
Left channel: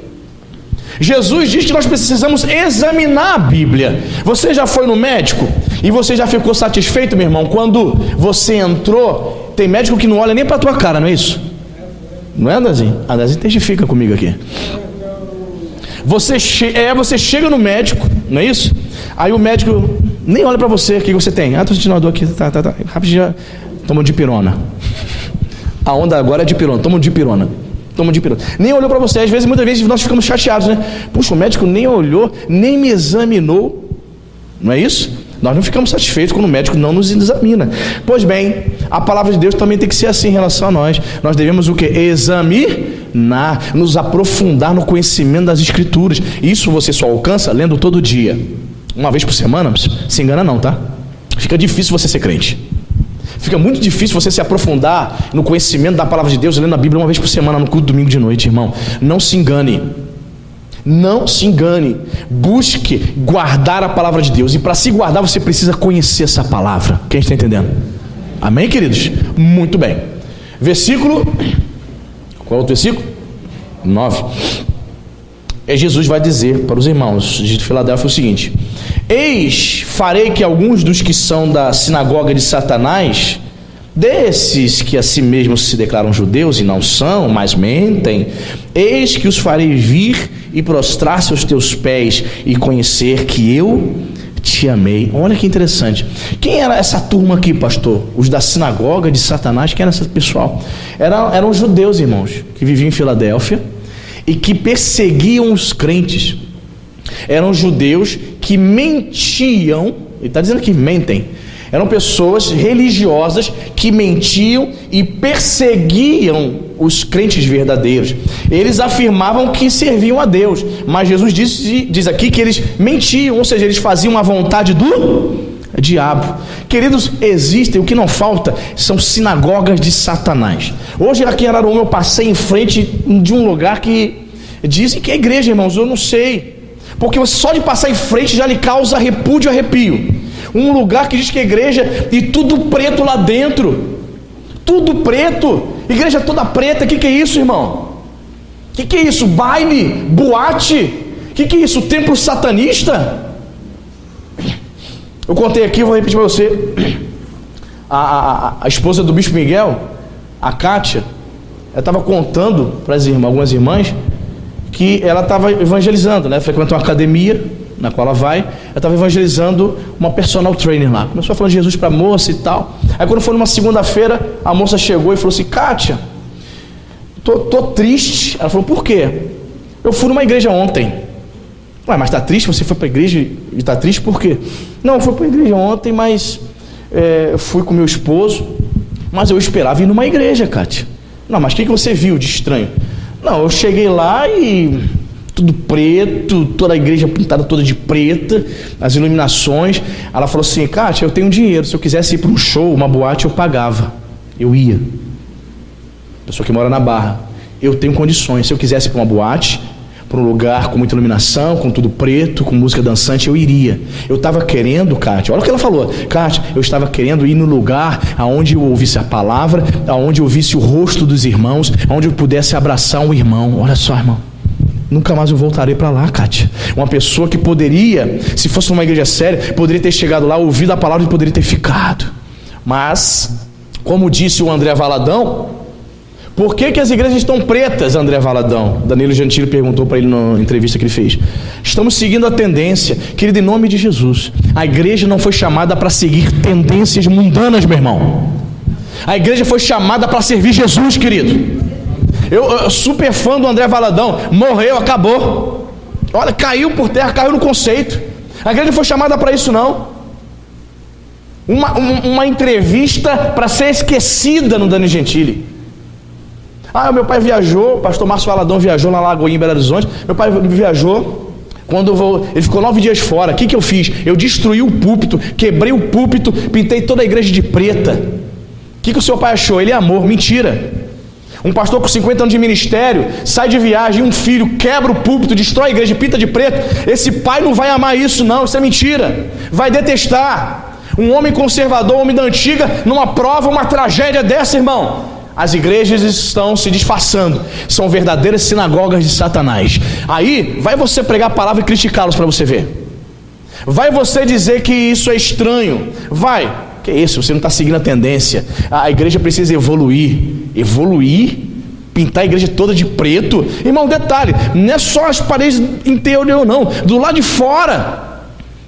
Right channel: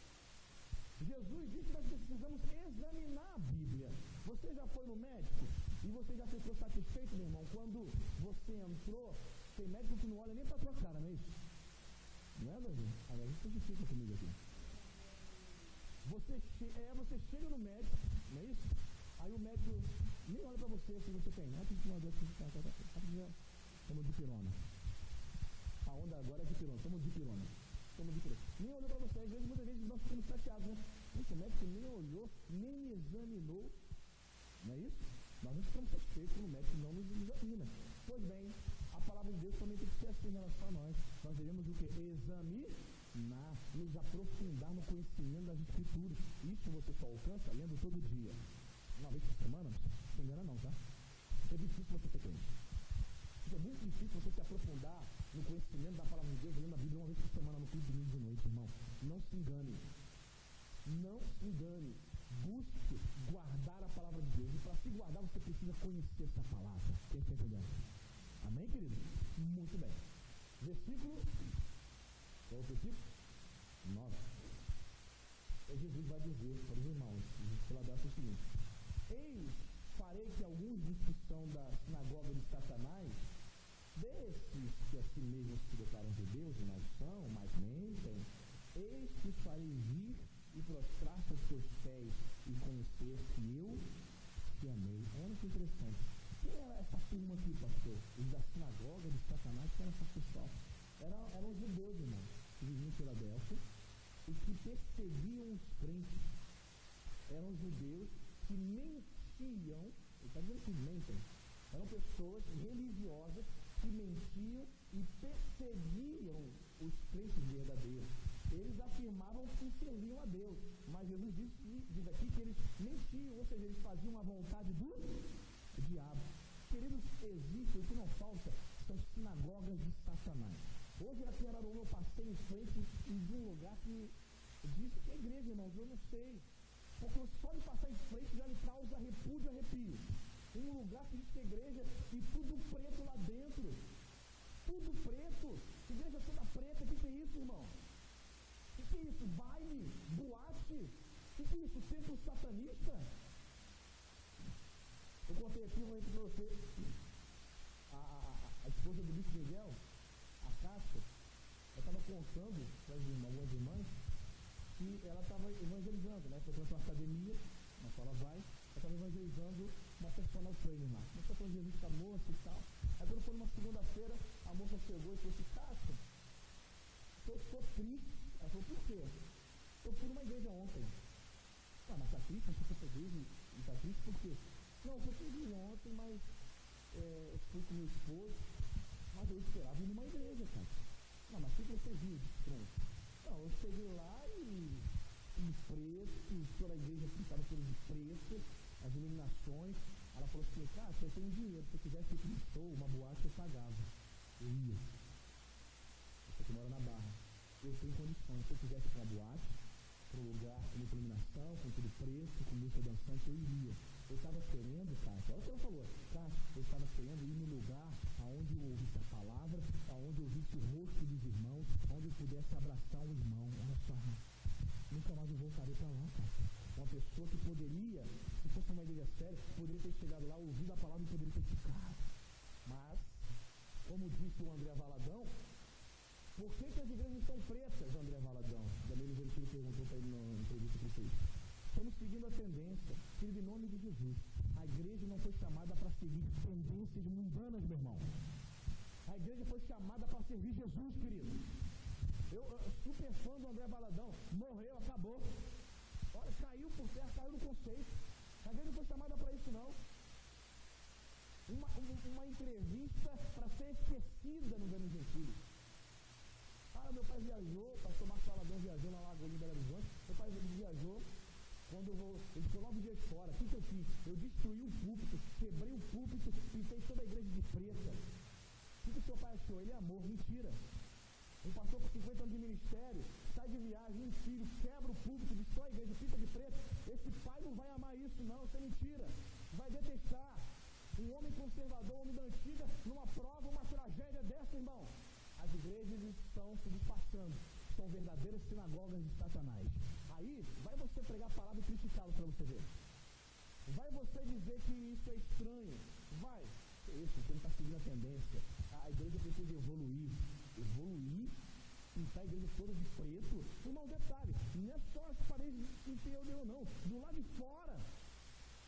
Jesus diz que nós precisamos examinar a Bíblia. Você já foi no médico e você já ficou satisfeito, meu irmão, quando você entrou? Tem médico que não olha nem para a tua cara, não é isso? Não é, Andazinho? Andazinho testifica comigo aqui. Você chega no médico, não é isso? Aí o médico nem olha para você: o que você tem? Estou sentindo uma dor aqui, tá. Rapidinho, toma um dipirona. A onda agora é dipirona, toma um dipirona. Nem olhou para você. Às vezes, muitas vezes nós ficamos chateados, né? Puxa, o médico nem olhou, nem me examinou. Não é isso? Nós não ficamos satisfeitos quando o médico não nos examina. Pois bem, a palavra de Deus também tem que ser assim em relação a nós. Nós devemos o quê? Examinar, nos aprofundar no conhecimento das Escrituras. Isso você só alcança lendo todo dia. Uma vez por semana, se engana não, tá? Fica difícil você ser crente. Fica muito difícil você se aprofundar no conhecimento da palavra de Deus lendo a Bíblia uma vez por semana no culto domingo de noite, irmão. Não se engane. Não se engane. Busque guardar a palavra de Deus. E para se guardar, você precisa conhecer essa palavra. Quem está entendendo? Amém, queridos? Muito bem. Versículo. Qual é o versículo? 9. Jesus vai dizer para os irmãos de Filadélfia o seguinte: eis, farei que alguns dos que são da sinagoga de Satanás, desses que a si mesmos se declaram judeus e não são, mas mentem, eis que os farei vir e prostrar-se aos teus pés e conhecer que eu te amei. Olha que interessante. Quem era essa turma aqui, pastor? Os da sinagoga de Satanás. Quem era esse pessoal? Eram judeus, irmãos, que viviam em Filadélfia e que perseguiam os crentes. Eram judeus que mentiam. Ele está dizendo que mentem. Eram pessoas religiosas que mentiam e perseguiam os crentes verdadeiros. Eles afirmavam que serviam a Deus, mas Jesus diz aqui que eles mentiam, ou seja, eles faziam a vontade do diabo. Queridos, existem, o que não falta são sinagogas de Satanás. Hoje aqui em Araruama eu passei em frente de um lugar que dizem que é igreja, irmãos. Eu não sei, porque só de passar em frente já lhe causa repúdio e arrepio. Um lugar que diz que é igreja e tudo preto lá dentro, tudo preto, igreja toda preta. O que é isso, irmão? O que é isso? Baile? Boate? O que é isso? Templo satanista? Eu contei aqui, vou repetir para você. A esposa do Bispo Miguel, a Kátia, ela estava contando para algumas irmãs que ela estava evangelizando, né? Frequentou uma academia na qual ela ela estava evangelizando uma personal trainer lá. Começou a falar de Jesus para a moça e tal. Aí quando foi numa segunda-feira, a moça chegou e falou assim: Kátia, tô triste. Ela falou: por quê? Eu fui numa igreja ontem. Ué, mas tá triste? Você foi para a igreja e tá triste por quê? Não, eu fui para a igreja ontem, mas eu fui com meu esposo Mas eu esperava ir numa igreja, Kátia. Não, mas o que você viu de estranho? Não, eu cheguei lá e tudo preto, toda a igreja pintada toda de preta, as iluminações. Ela falou assim: Kátia, eu tenho dinheiro, se eu quisesse ir para um show, uma boate, eu pagava, eu ia. Pessoa que mora na Barra, eu tenho condições, se eu quisesse ir para uma boate, para um lugar com muita iluminação, com tudo preto, com música dançante, eu iria. Eu estava querendo, Kátia, olha o que ela falou: Kátia, eu estava querendo ir no lugar aonde eu ouvisse a palavra, aonde eu ouvisse o rosto dos irmãos, aonde eu pudesse abraçar um irmão. Olha só, irmão, nunca mais eu voltarei para lá, Kátia. Uma pessoa que poderia, se fosse numa igreja séria, poderia ter chegado lá, ouvido a palavra e poderia ter ficado. Mas, como disse o André Valadão, por que as igrejas estão pretas, André Valadão? Danilo Gentili perguntou para ele na entrevista que ele fez. Estamos seguindo a tendência, querido, em nome de Jesus. A igreja não foi chamada para seguir tendências mundanas, meu irmão. A igreja foi chamada para servir Jesus, querido. Eu super fã do André Valadão, morreu, acabou. Olha, caiu por terra, caiu no conceito. A igreja não foi chamada para isso, não. Uma entrevista para ser esquecida no Danilo Gentili. Meu pai viajou, o pastor Márcio Valadão viajou na Lagoinha, em Belo Horizonte. Meu pai viajou, ele ficou 9 dias fora. O que eu fiz? Eu destruí o púlpito, quebrei o púlpito, pintei toda a igreja de preta. O que o seu pai achou? Ele é amor. Mentira. Um pastor com 50 anos de ministério, sai de viagem, um filho quebra o púlpito, destrói a igreja, pinta de preto. Esse pai não vai amar isso, não, isso é mentira. Vai detestar. Um homem conservador, um homem da antiga, numa prova, uma tragédia dessa, irmão. As igrejas estão se disfarçando, são verdadeiras sinagogas de Satanás. Aí, vai você pregar a palavra e criticá-los para você ver. Vai você dizer que isso é estranho. Vai. Que isso, você não está seguindo a tendência. A igreja precisa evoluir. Evoluir? Pintar a igreja toda de preto? Irmão, detalhe, não é só as paredes interior não, do lado de fora.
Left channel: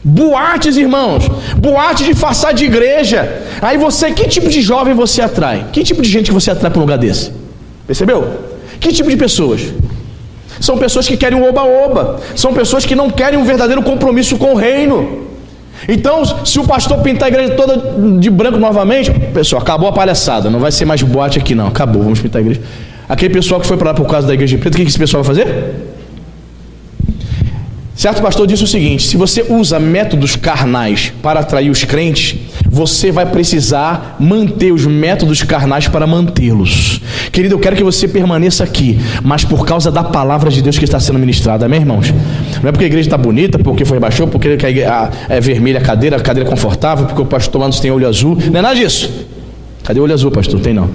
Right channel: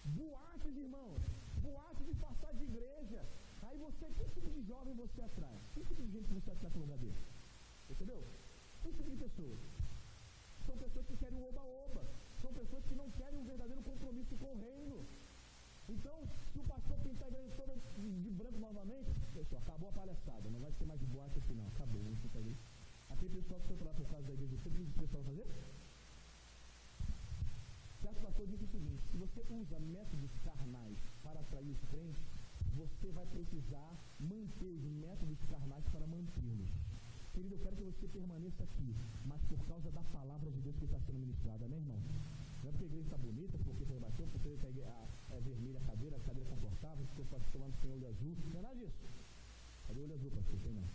Boates, irmãos, boate disfarçada de igreja. Aí você, que tipo de jovem você atrai? Que tipo de gente que você atrai para um lugar desse? Percebeu? Que tipo de pessoas? São pessoas que querem um oba-oba. São pessoas que não querem um verdadeiro compromisso com o reino. Então, se o pastor pintar a igreja toda de branco novamente, pessoal, acabou a palhaçada, não vai ser mais boate aqui não, acabou, vamos pintar a igreja. Aquele pessoal que foi para lá por causa da igreja de preto, o que esse pessoal vai fazer? Certo pastor disse o seguinte: se você usa métodos carnais para atrair os crentes, você vai precisar manter os métodos carnais para mantê-los. Querido, eu quero que você permaneça aqui, mas por causa da palavra de Deus que está sendo ministrada, amém, irmãos? Não é porque a igreja está bonita, porque foi rebaixou, porque é vermelha a cadeira é confortável, porque o pastor Manos tem olho azul, não é nada disso. Cadê o olho azul, pastor? Não tem não.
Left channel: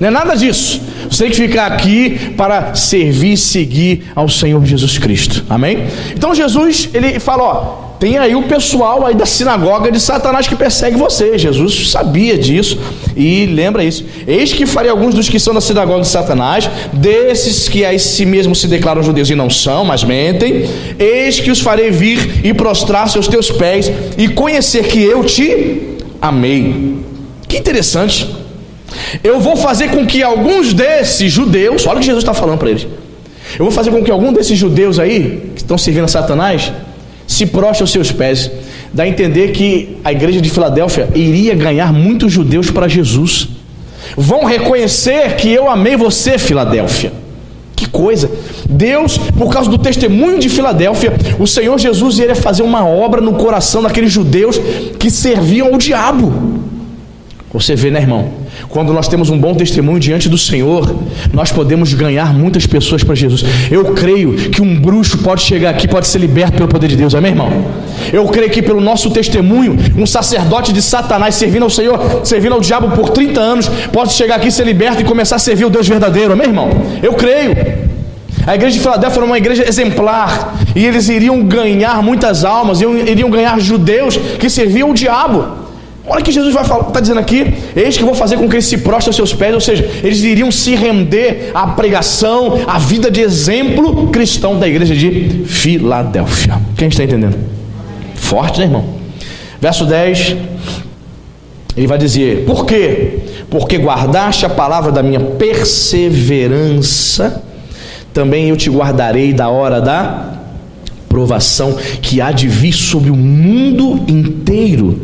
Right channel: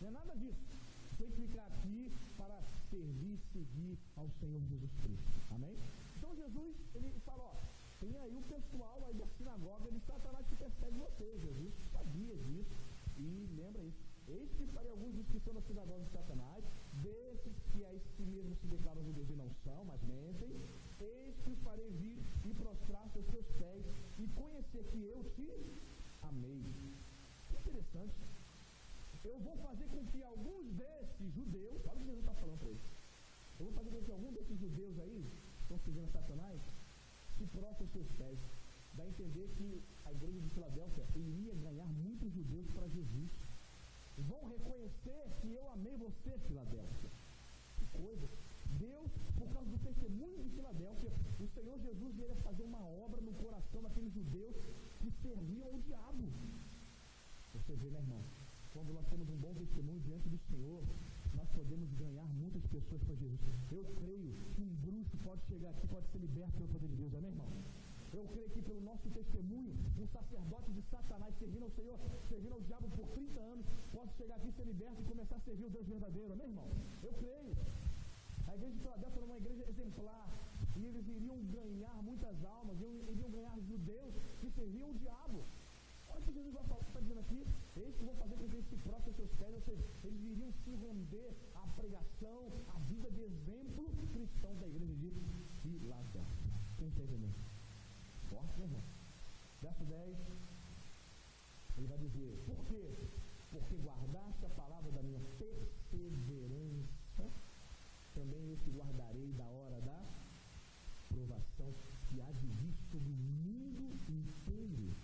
Não é nada disso. Você tem que ficar aqui para servir e seguir ao Senhor Jesus Cristo. Amém? Então Jesus, ele fala, tem aí o pessoal aí da sinagoga de Satanás que persegue você. Jesus sabia disso e lembra isso. Eis que farei alguns dos que são da sinagoga de Satanás, desses que a si mesmo se declaram judeus e não são, mas mentem. Eis que os farei vir e prostrar-se aos teus pés e conhecer que eu te amei. Que interessante. Eu vou fazer com que alguns desses judeus, olha o que Jesus está falando para eles, eu vou fazer com que algum desses judeus aí, que estão servindo a Satanás, se prostre aos seus pés. Dá a entender que a igreja de Filadélfia iria ganhar muitos judeus para Jesus. Vão reconhecer que eu amei você, Filadélfia. Que coisa! Deus, por causa do testemunho de Filadélfia, o Senhor Jesus iria fazer uma obra no coração daqueles judeus que serviam ao diabo. Você vê, né, irmão? Quando nós temos um bom testemunho diante do Senhor, nós podemos ganhar muitas pessoas para Jesus. Eu creio que um bruxo pode chegar aqui, pode ser liberto pelo poder de Deus, amém, irmão? Eu creio que pelo nosso testemunho, um sacerdote de Satanás servindo ao Senhor, servindo ao diabo por 30 anos, pode chegar aqui, ser liberto e começar a servir o Deus verdadeiro, amém, irmão? Eu creio. A igreja de Filadélfia era uma igreja exemplar, e eles iriam ganhar muitas almas, iriam ganhar judeus que serviam o diabo. Olha que Jesus está dizendo aqui: eis que vou fazer com que eles se prostrem aos seus pés. Ou seja, eles iriam se render à pregação, à vida de exemplo cristão da igreja de Filadélfia. Quem está entendendo? Forte, né, irmão? Verso 10, ele vai dizer: por quê? Porque guardaste a palavra da minha perseverança, também eu te guardarei da hora da provação que há de vir sobre o mundo inteiro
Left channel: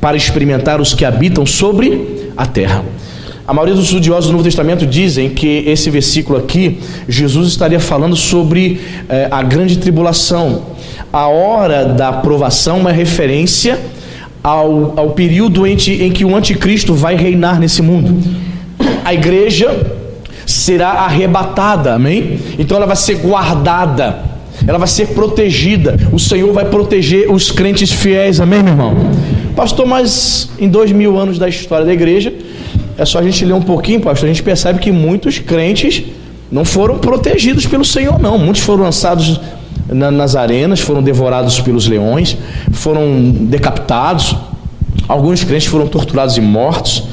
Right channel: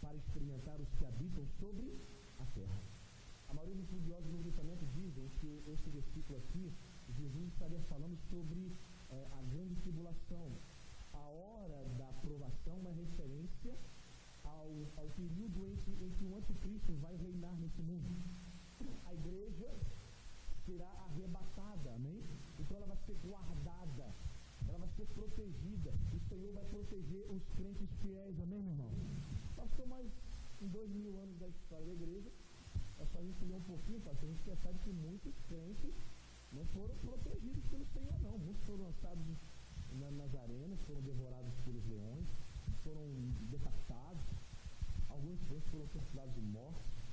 para experimentar os que habitam sobre a terra. A maioria dos estudiosos do Novo Testamento dizem que esse versículo aqui, Jesus estaria falando sobre a grande tribulação. A hora da provação é uma referência ao período em que o anticristo vai reinar nesse mundo. A igreja será arrebatada, amém? Então ela vai ser guardada, ela vai ser protegida. O Senhor vai proteger os crentes fiéis, amém, meu irmão? Pastor, mas em 2000 anos da história da igreja, é só a gente ler um pouquinho, pastor, a gente percebe que muitos crentes não foram protegidos pelo Senhor, não. Muitos foram lançados nas arenas, foram devorados pelos leões, foram decapitados. Alguns crentes foram torturados e mortos.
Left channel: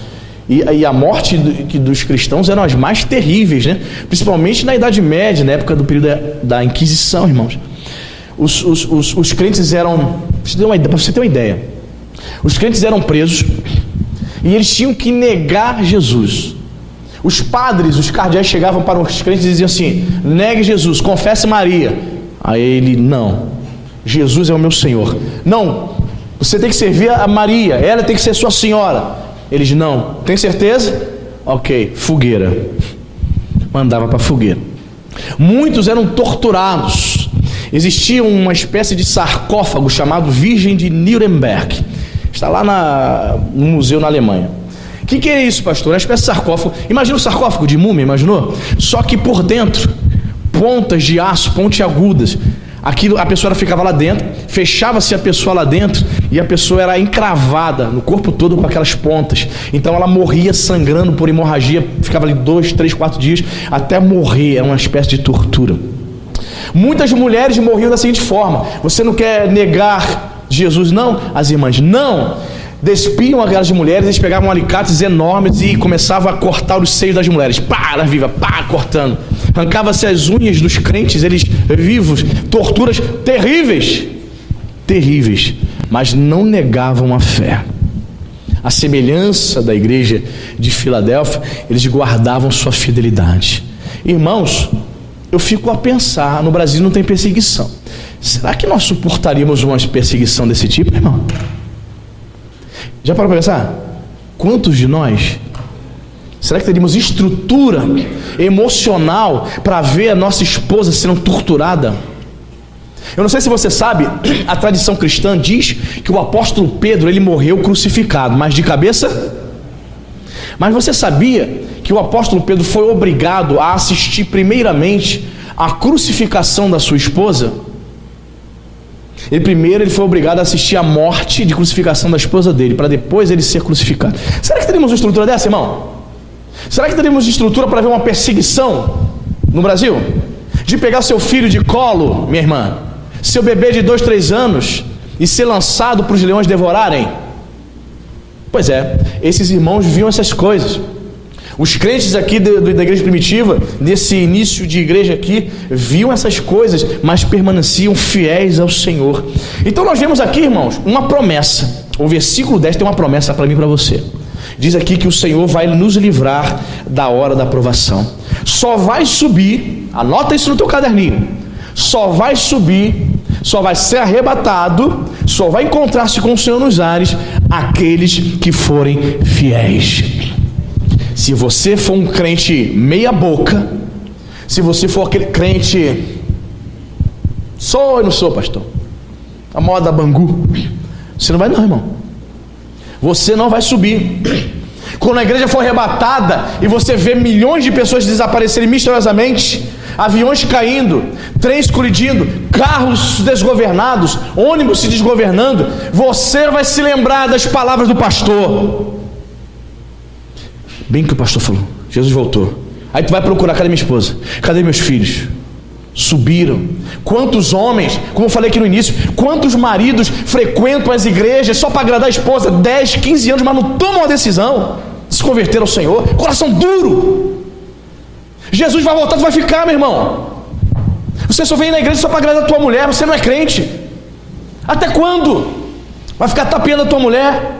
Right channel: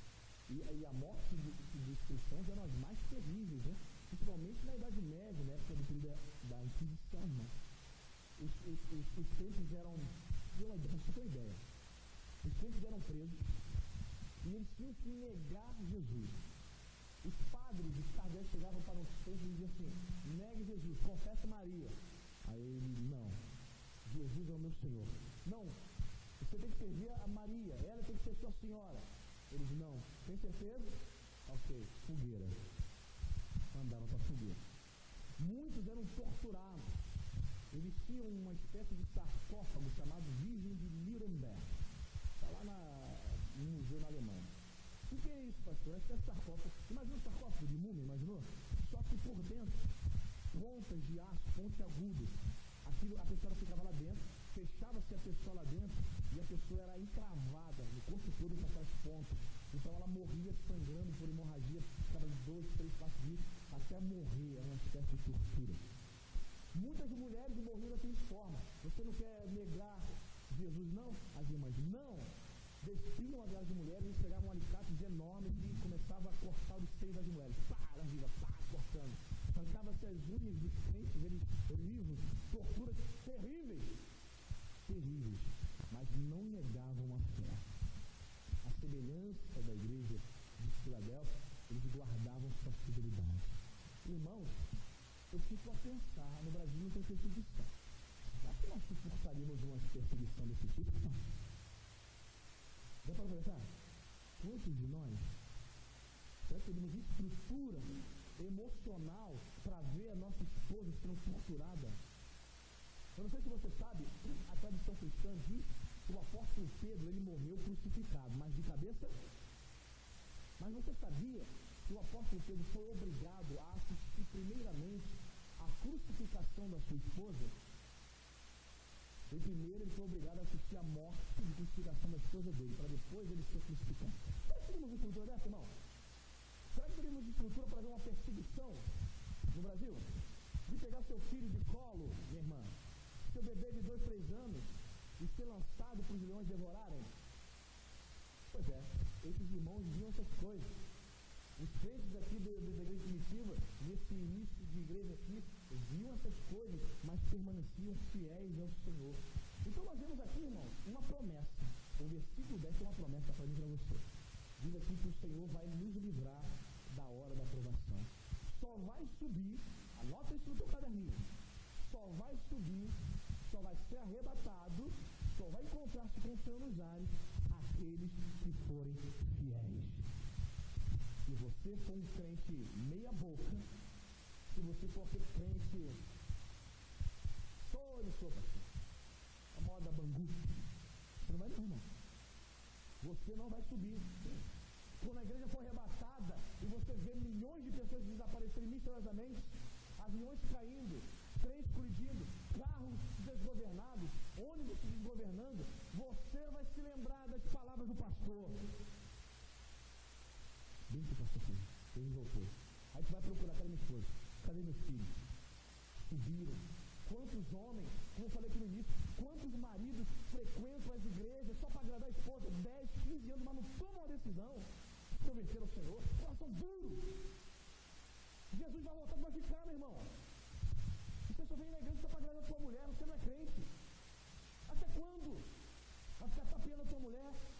E a morte dos cristãos eram as mais terríveis, né? Principalmente na Idade Média, na época do período da Inquisição, irmãos. Os crentes eram, para você ter uma ideia, os crentes eram presos e eles tinham que negar Jesus. Os padres, os cardeais chegavam para os crentes e diziam assim: negue Jesus, confesse Maria. Aí ele: não, Jesus é o meu Senhor. Não, você tem que servir a Maria, ela tem que ser sua senhora. Eles: não, tem certeza? Ok, fogueira. Mandava para fogueira. Muitos eram torturados. Existia uma espécie de sarcófago chamado Virgem de Nuremberg. Está lá no museu na Alemanha. O que é isso, pastor? É uma espécie de sarcófago. Imagina o sarcófago de múmia, imaginou? Só que por dentro, pontas de aço, pontiagudas. Aquilo, a pessoa ficava lá dentro, fechava-se a pessoa lá dentro e a pessoa era encravada no corpo todo com aquelas pontas. Então ela morria sangrando por hemorragia, ficava ali 2, 3, 4 dias até morrer. Era uma espécie de tortura. Muitas mulheres morriam da seguinte forma: você não quer negar Jesus, não? As irmãs: não. Despiam aquelas mulheres, eles pegavam alicates enormes e começavam a cortar os seios das mulheres. Pá, ela viva, pá, cortando. Arrancava-se as unhas dos crentes, eles vivos. Torturas terríveis, terríveis. Mas não negavam a fé. A semelhança da igreja de Filadélfia, eles guardavam sua fidelidade. Irmãos, eu fico a pensar, no Brasil não tem perseguição. Será que nós suportaríamos uma perseguição desse tipo, irmão? Já parou para pensar? Quantos de nós? Será que teríamos estrutura emocional para ver a nossa esposa sendo torturada? Eu não sei se você sabe, a tradição cristã diz que o apóstolo Pedro, ele morreu crucificado, mas de cabeça? Mas você sabia que o apóstolo Pedro foi obrigado a assistir primeiramente à crucificação da sua esposa? Ele foi obrigado a assistir à morte de crucificação da esposa dele, para depois ele ser crucificado. Será que teríamos uma estrutura dessa, irmão? Será que teríamos estrutura para ver uma perseguição no Brasil? De pegar seu filho de colo, minha irmã, seu bebê de 2, 3 anos, e ser lançado para os leões devorarem? Pois é, esses irmãos viam essas coisas. Os crentes aqui da igreja primitiva, desse início de igreja aqui, viam essas coisas, mas permaneciam fiéis ao Senhor. Então nós vemos aqui, irmãos, uma promessa. O versículo 10 tem uma promessa para mim e para você. Diz aqui que o Senhor vai nos livrar da hora da provação. Só vai subir, anota isso no teu caderninho, só vai subir, só vai ser arrebatado, só vai encontrar-se com o Senhor nos ares aqueles que forem fiéis. Se você for um crente meia boca, se você for aquele crente, sou ou não sou, pastor, a moda Bangu, você não vai não, irmão. Você não vai subir. Quando a igreja for arrebatada e você vê milhões de pessoas desaparecerem misteriosamente, aviões caindo, trens colidindo, carros desgovernados, ônibus se desgovernando, você vai se lembrar das palavras do pastor. Bem que o pastor falou, Jesus voltou. Aí tu vai procurar: cadê minha esposa? Cadê meus filhos? Subiram. Quantos homens, como eu falei aqui no início, quantos maridos frequentam as igrejas só para agradar a esposa, 10, 15 anos, mas não tomam a decisão de se converter ao Senhor? Coração duro. Jesus vai voltar, tu vai ficar, meu irmão. Você só vem na igreja só para agradar a tua mulher, você não é crente. Até quando? Vai ficar tapeando a tua mulher?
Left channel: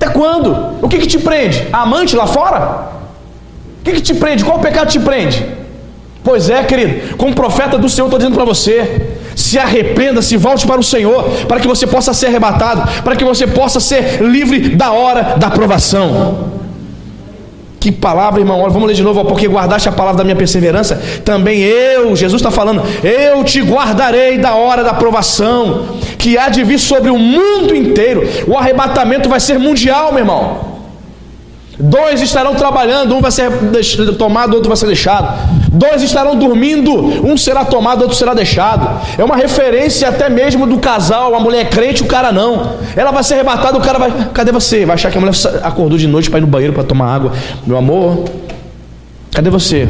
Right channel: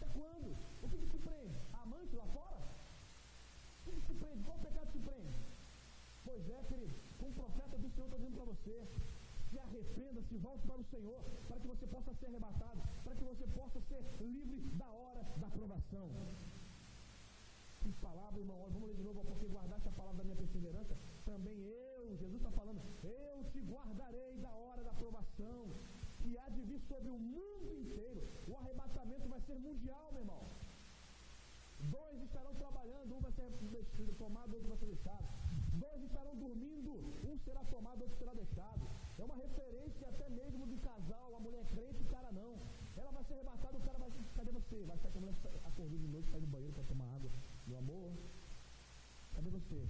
Até quando? O que te prende? A amante lá fora? O que te prende? Qual o pecado te prende? Pois é, querido, como profeta do Senhor, estou dizendo para você: Se arrependa, se volte para o Senhor, para que você possa ser arrebatado, para que você possa ser livre da hora da provação. Que palavra, irmão. Olha, vamos ler de novo. Porque guardaste a palavra da minha perseverança, também eu, Jesus está falando, eu te guardarei da hora da provação, que há de vir sobre o mundo inteiro. O arrebatamento vai ser mundial, meu irmão. 2 estarão trabalhando, um vai ser tomado, outro vai ser deixado. 2 estarão dormindo, um será tomado, outro será deixado. É uma referência até mesmo do casal. A mulher é crente, o cara não. Ela vai ser arrebatada, o cara vai: cadê você? Vai achar que a mulher acordou de noite para ir no banheiro para tomar água. Meu amor, cadê você?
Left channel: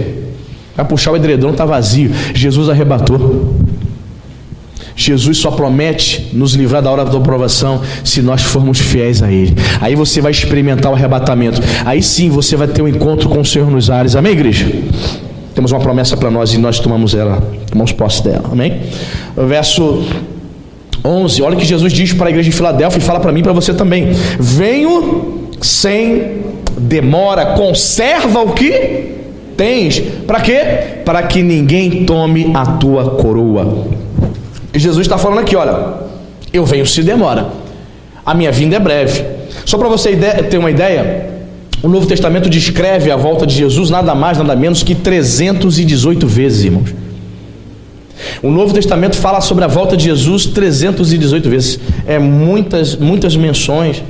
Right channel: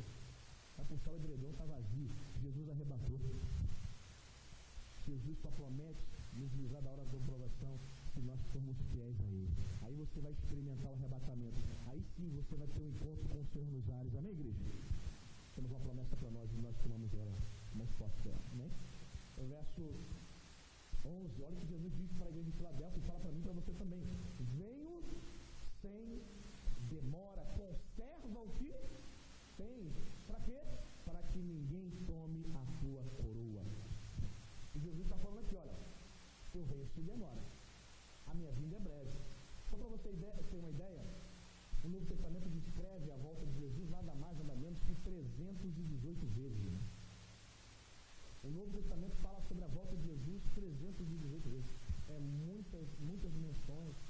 Vai puxar o edredom, está vazio. Jesus arrebatou. Jesus só promete nos livrar da hora da provação se nós formos fiéis a Ele. Aí você vai experimentar o arrebatamento. Aí sim você vai ter um encontro com o Senhor nos ares. Amém, igreja? Temos uma promessa para nós e nós tomamos posse dela. Amém? Verso 11, olha o que Jesus diz para a igreja de Filadélfia e fala para mim e para você também: venho sem demora, conserva o que tens. Para quê? Para que ninguém tome a tua coroa. E Jesus está falando aqui: olha, eu venho se demora, a minha vinda é breve. Só para você ter uma ideia, o Novo Testamento descreve a volta de Jesus nada mais, nada menos que 318 vezes, irmãos. O Novo Testamento fala sobre a volta de Jesus 318 vezes. É muitas menções.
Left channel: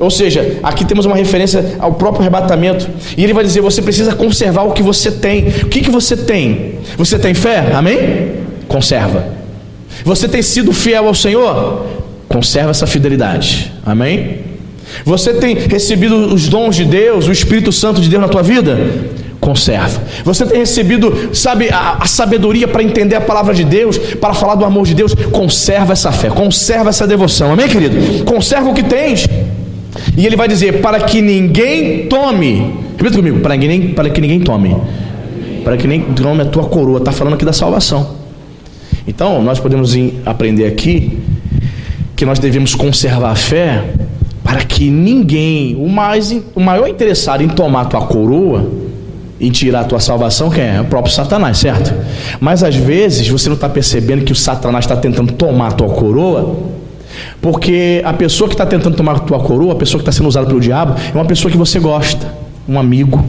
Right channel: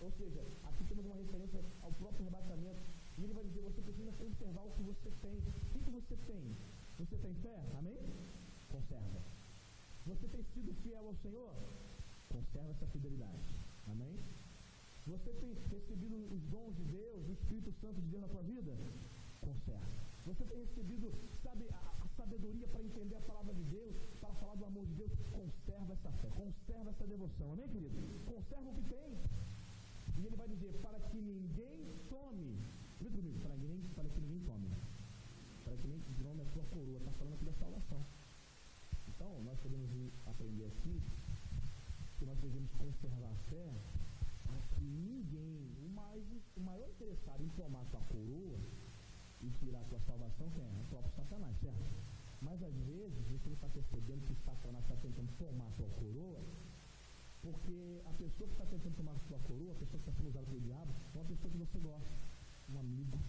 Ou seja, aqui temos uma referência ao próprio arrebatamento. E ele vai dizer: você precisa conservar o que você tem. O que você tem? Você tem fé? Amém? Conserva. Você tem sido fiel ao Senhor? Conserva essa fidelidade. Amém? Você tem recebido os dons de Deus, o Espírito Santo de Deus na tua vida? Conserva. Você tem recebido, a sabedoria para entender a palavra de Deus, para falar do amor de Deus? Conserva essa fé, conserva essa devoção. Amém, querido? Conserva o que tens. E ele vai dizer: para que ninguém tome. Repita comigo: para que ninguém tome. Para que ninguém tome a tua coroa. Está falando aqui da salvação. Então nós podemos aprender aqui que nós devemos conservar a fé, para que ninguém, o maior interessado em tomar a tua coroa, em tirar a tua salvação, quem é? O próprio Satanás, certo? Mas às vezes você não está percebendo que o Satanás está tentando tomar a tua coroa, porque a pessoa que está tentando tomar a tua coroa, a pessoa que está sendo usada pelo diabo, é uma pessoa que você gosta, um amigo,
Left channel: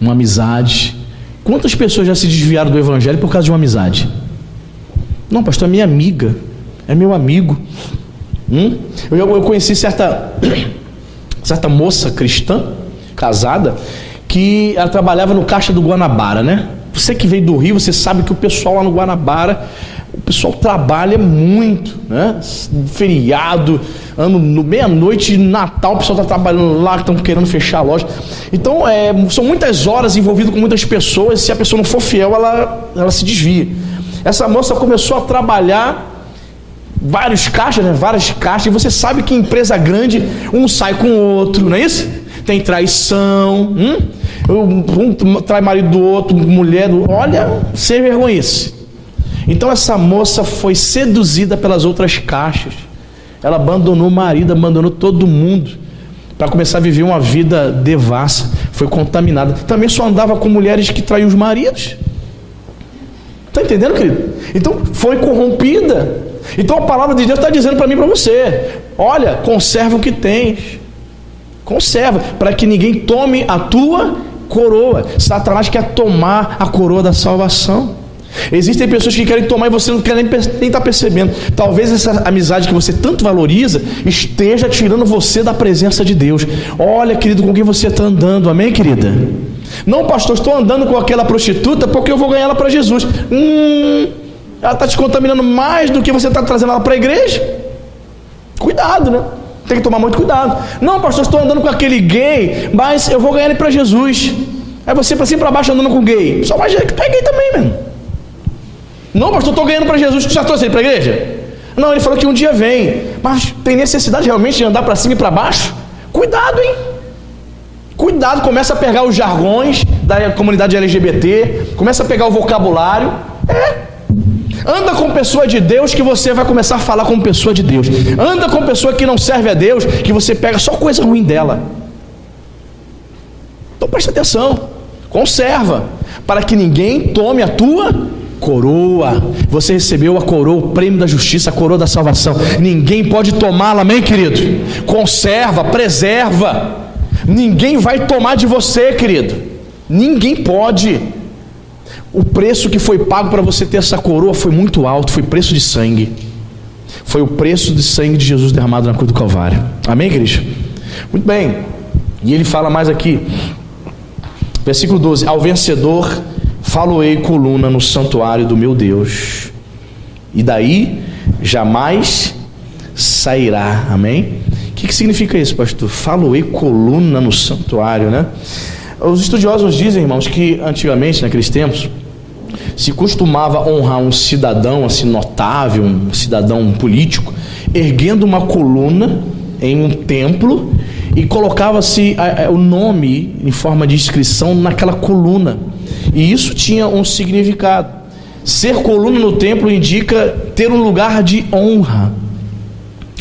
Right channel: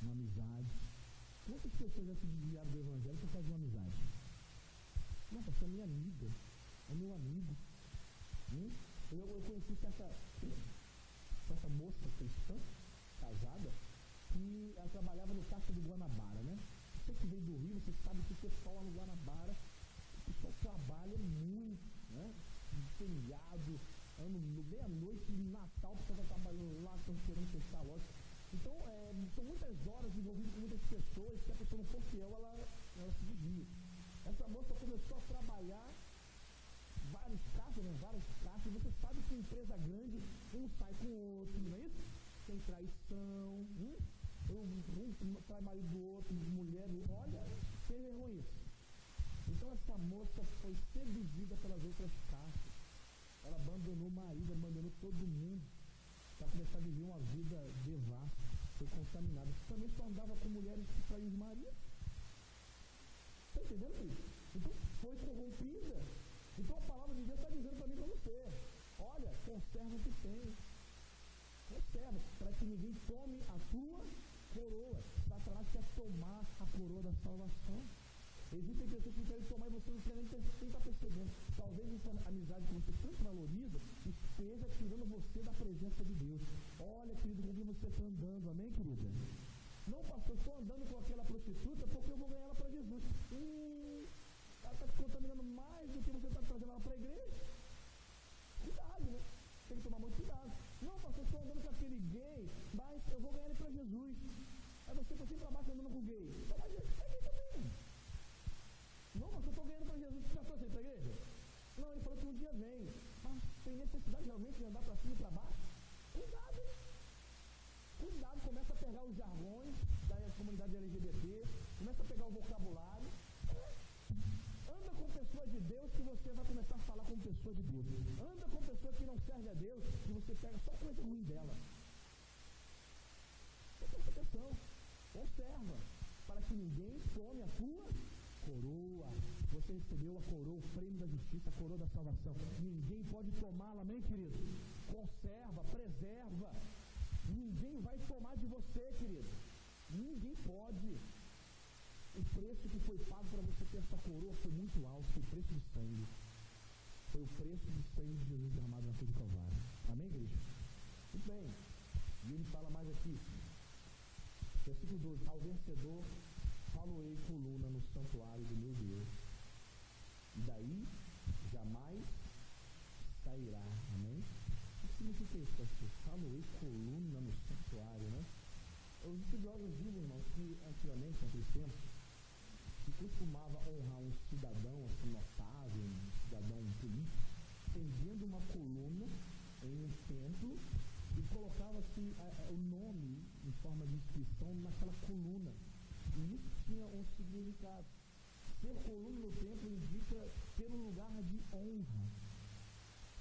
uma amizade. Quantas pessoas já se desviaram do evangelho por causa de uma amizade? Não, pastor, é minha amiga, é meu amigo. Eu conheci certa moça cristã, casada, que ela trabalhava no caixa do Guanabara, né? Você que veio do Rio, você sabe que o pessoal lá no Guanabara, o pessoal trabalha muito, né? Feriado, meia-noite, Natal, o pessoal está trabalhando lá, estão querendo fechar a loja. Então, são muitas horas envolvido com muitas pessoas. Se a pessoa não for fiel, ela se desvia. Essa moça começou a trabalhar várias caixas, e você sabe que em empresa grande, um sai com o outro, não é isso? Tem traição, um trai marido do outro, mulher do... Olha, sem vergonhice. Então essa moça foi seduzida pelas outras caixas. Ela abandonou o marido, abandonou todo mundo, para começar a viver uma vida devassa. Foi contaminada. Também só andava com mulheres que traíam os maridos. Está entendendo, querido? Então foi corrompida. Então a palavra de Deus está dizendo para mim e para você: olha, conserva o que tens. Conserva, para que ninguém tome a tua coroa. Satanás quer tomar a coroa da salvação. Existem pessoas que querem tomar e você não quer nem estar percebendo. Talvez essa amizade que você tanto valoriza esteja tirando você da presença de Deus. Olha, querido, com quem você está andando. Amém, querida? Não, pastor, estou andando com aquela prostituta porque eu vou ganhar ela para Jesus. Ela está te contaminando mais do que você está trazendo ela para a igreja. Cuidado, né? Tem que tomar muito cuidado. Não, pastor, estou andando com aquele gay, mas eu vou ganhar ele para Jesus. Aí você para cima e para baixo andando com gay. Só vai que tu é gay também, mano. Não, pastor, estou ganhando para Jesus. Tu já trouxe ele para a igreja? Não, ele falou que um dia vem. Mas tem necessidade realmente de andar para cima e para baixo? Cuidado, hein? Cuidado, começa a pegar os jargões da comunidade LGBT, começa a pegar o vocabulário. Anda com pessoa de Deus, que você vai começar a falar como pessoa de Deus. Anda com pessoa que não serve a Deus, que você pega só coisa ruim dela. Então presta atenção, conserva, para que ninguém tome a tua coroa. Você recebeu a coroa, o prêmio da justiça, a coroa da salvação. Ninguém pode tomá-la, amém, querido? Conserva, preserva. Ninguém vai tomar de você, querido. Ninguém pode. O preço que foi pago para você ter essa coroa foi muito alto, foi preço de sangue. Foi o preço de sangue de Jesus derramado na cruz do Calvário. Amém, igreja? Muito bem. E ele fala mais aqui, versículo 12: ao vencedor falo-ei coluna no santuário do meu Deus, e daí jamais sairá. Amém? O que significa isso, pastor? Falo-ei coluna no santuário, né? Os estudiosos dizem, irmãos, que antigamente, naqueles tempos, se costumava honrar um cidadão assim notável, um cidadão político, erguendo uma coluna em um templo, e colocava-se o nome em forma de inscrição naquela coluna, e isso tinha um significado. Ser coluna no templo indica ter um lugar de honra.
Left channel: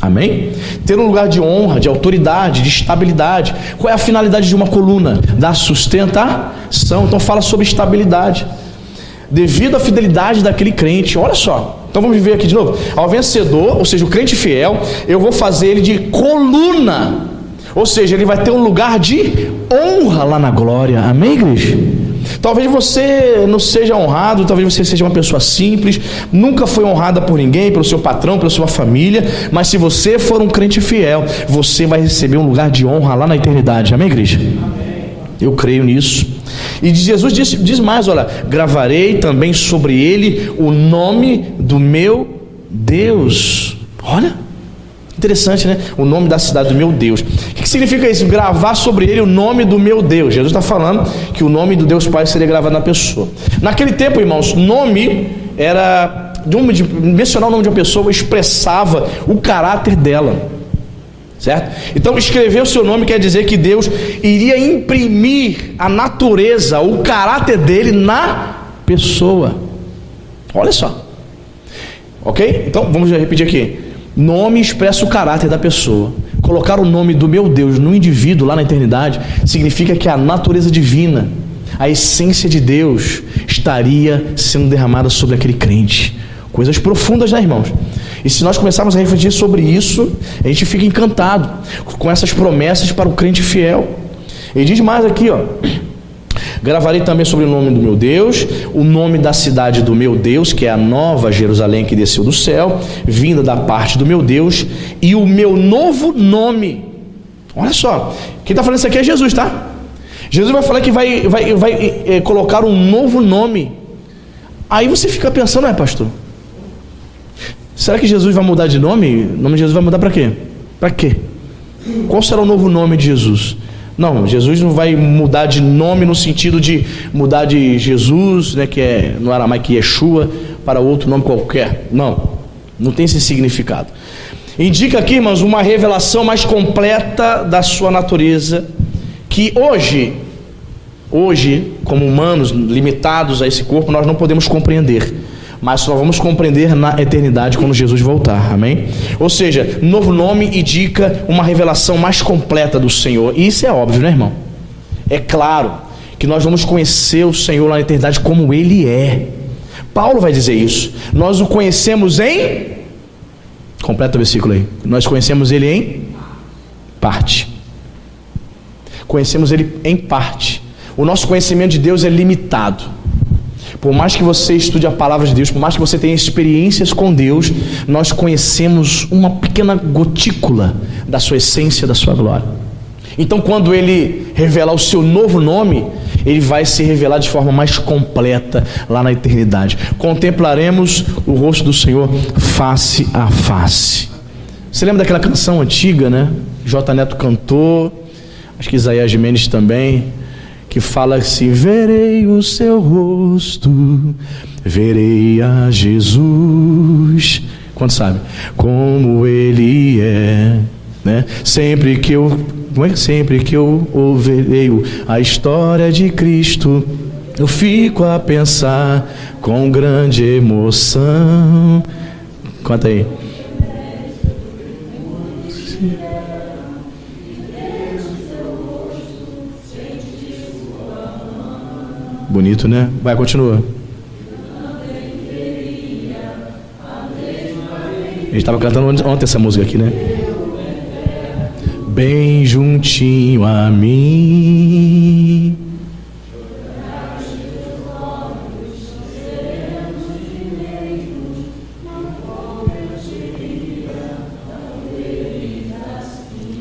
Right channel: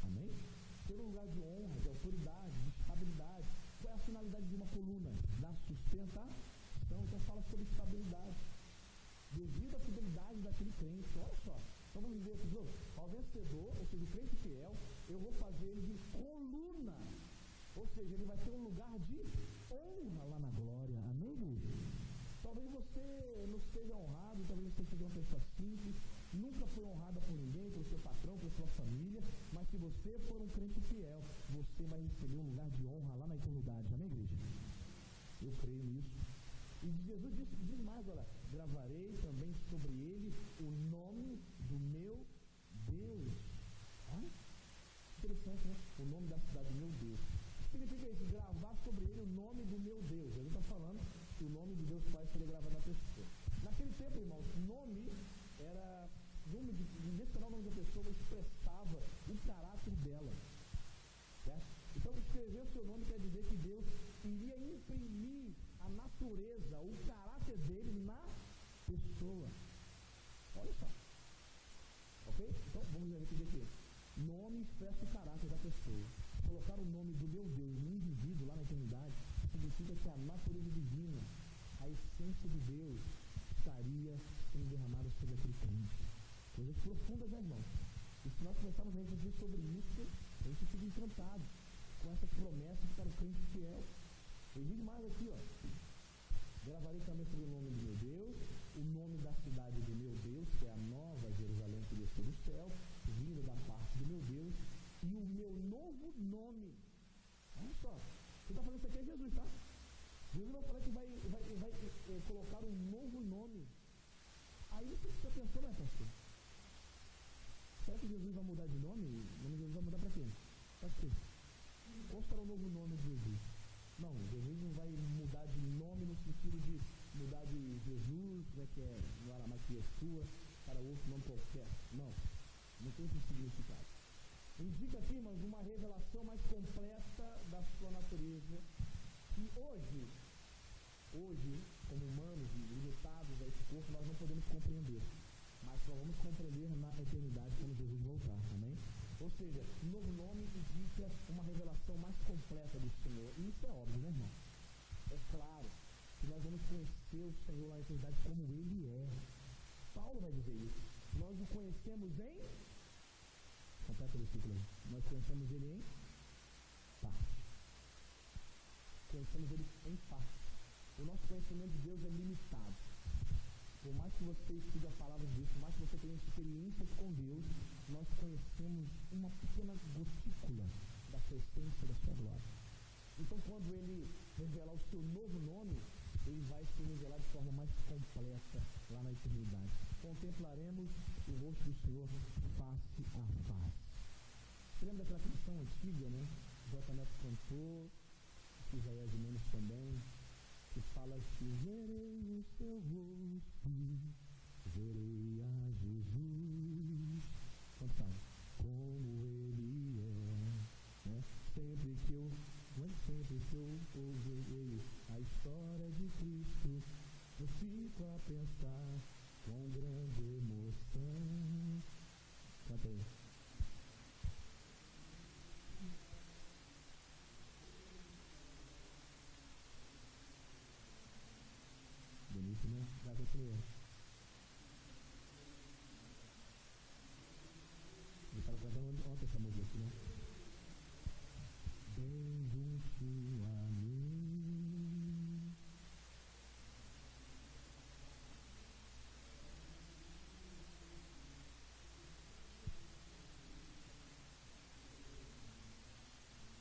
Amém? Ter um lugar de honra, de autoridade, de estabilidade. Qual é a finalidade de uma coluna? Dar sustentação. Então fala sobre estabilidade, devido à fidelidade daquele crente. Olha só, então vamos ver aqui de novo. Ao vencedor, ou seja, o crente fiel, eu vou fazer ele de coluna, ou seja, ele vai ter um lugar de honra lá na glória. Amém, igreja? Talvez você não seja honrado, talvez você seja uma pessoa simples, nunca foi honrada por ninguém, pelo seu patrão, pela sua família, mas se você for um crente fiel, você vai receber um lugar de honra lá na eternidade. Amém, igreja? Amém. Eu creio nisso. E Jesus diz mais, olha: gravarei também sobre ele o nome do meu Deus. Olha, interessante, né? O nome da cidade do meu Deus. O que significa isso? Gravar sobre ele o nome do meu Deus. Jesus está falando que o nome do Deus Pai seria gravado na pessoa. Naquele tempo, irmãos, nome era mencionar o nome de uma pessoa expressava o caráter dela, certo? Então escrever o seu nome quer dizer que Deus iria imprimir a natureza, o caráter dele na pessoa. Olha só, ok? Então vamos repetir aqui. Nome expressa o caráter da pessoa. Colocar o nome do meu Deus no indivíduo lá na eternidade significa que a natureza divina, a essência de Deus estaria sendo derramada sobre aquele crente. Coisas profundas, né, irmãos? E se nós começarmos a refletir sobre isso, a gente fica encantado com essas promessas para o crente fiel. Ele diz mais aqui, ó: gravarei também sobre o nome do meu Deus, o nome da cidade do meu Deus, que é a nova Jerusalém que desceu do céu, vinda da parte do meu Deus, e o meu novo nome. Olha só, quem está falando isso aqui é Jesus, tá? Jesus vai falar que vai colocar um novo nome. Aí você fica pensando, pastor, será que Jesus vai mudar de nome? O nome de Jesus vai mudar para quê? Para quê? Qual será o novo nome de Jesus? Não, Jesus não vai mudar de nome no sentido de mudar de Jesus, né, que é no aramaico Yeshua, para outro nome qualquer. Não tem esse significado. Indica aqui, irmãos, uma revelação mais completa da sua natureza, que hoje, como humanos limitados a esse corpo, nós não podemos compreender, mas só vamos compreender na eternidade quando Jesus voltar. Amém? Ou seja, novo nome indica uma revelação mais completa do Senhor. E isso é óbvio, né, irmão? É claro que nós vamos conhecer o Senhor lá na eternidade como Ele é. Paulo vai dizer isso. Nós o conhecemos em... Completa o versículo aí. Nós conhecemos Ele em parte. Conhecemos Ele em parte. O nosso conhecimento de Deus é limitado. Por mais que você estude a palavra de Deus, por mais que você tenha experiências com Deus, nós conhecemos uma pequena gotícula da sua essência, da sua glória. Então, quando Ele revelar o seu novo nome, Ele vai se revelar de forma mais completa lá na eternidade. Contemplaremos o rosto do Senhor face a face. Você lembra daquela canção antiga, né? J. Neto cantou, acho que Isaías Gimenez também, que fala assim: verei o seu rosto, verei a Jesus. Quanto sabe? Como Ele é, né? Sempre que eu ouvirei a história de Cristo, eu fico a pensar com grande emoção. Conta aí. Bonito, né? Vai, continua. gente estava cantando ontem essa música aqui, né? Bem juntinho a mim.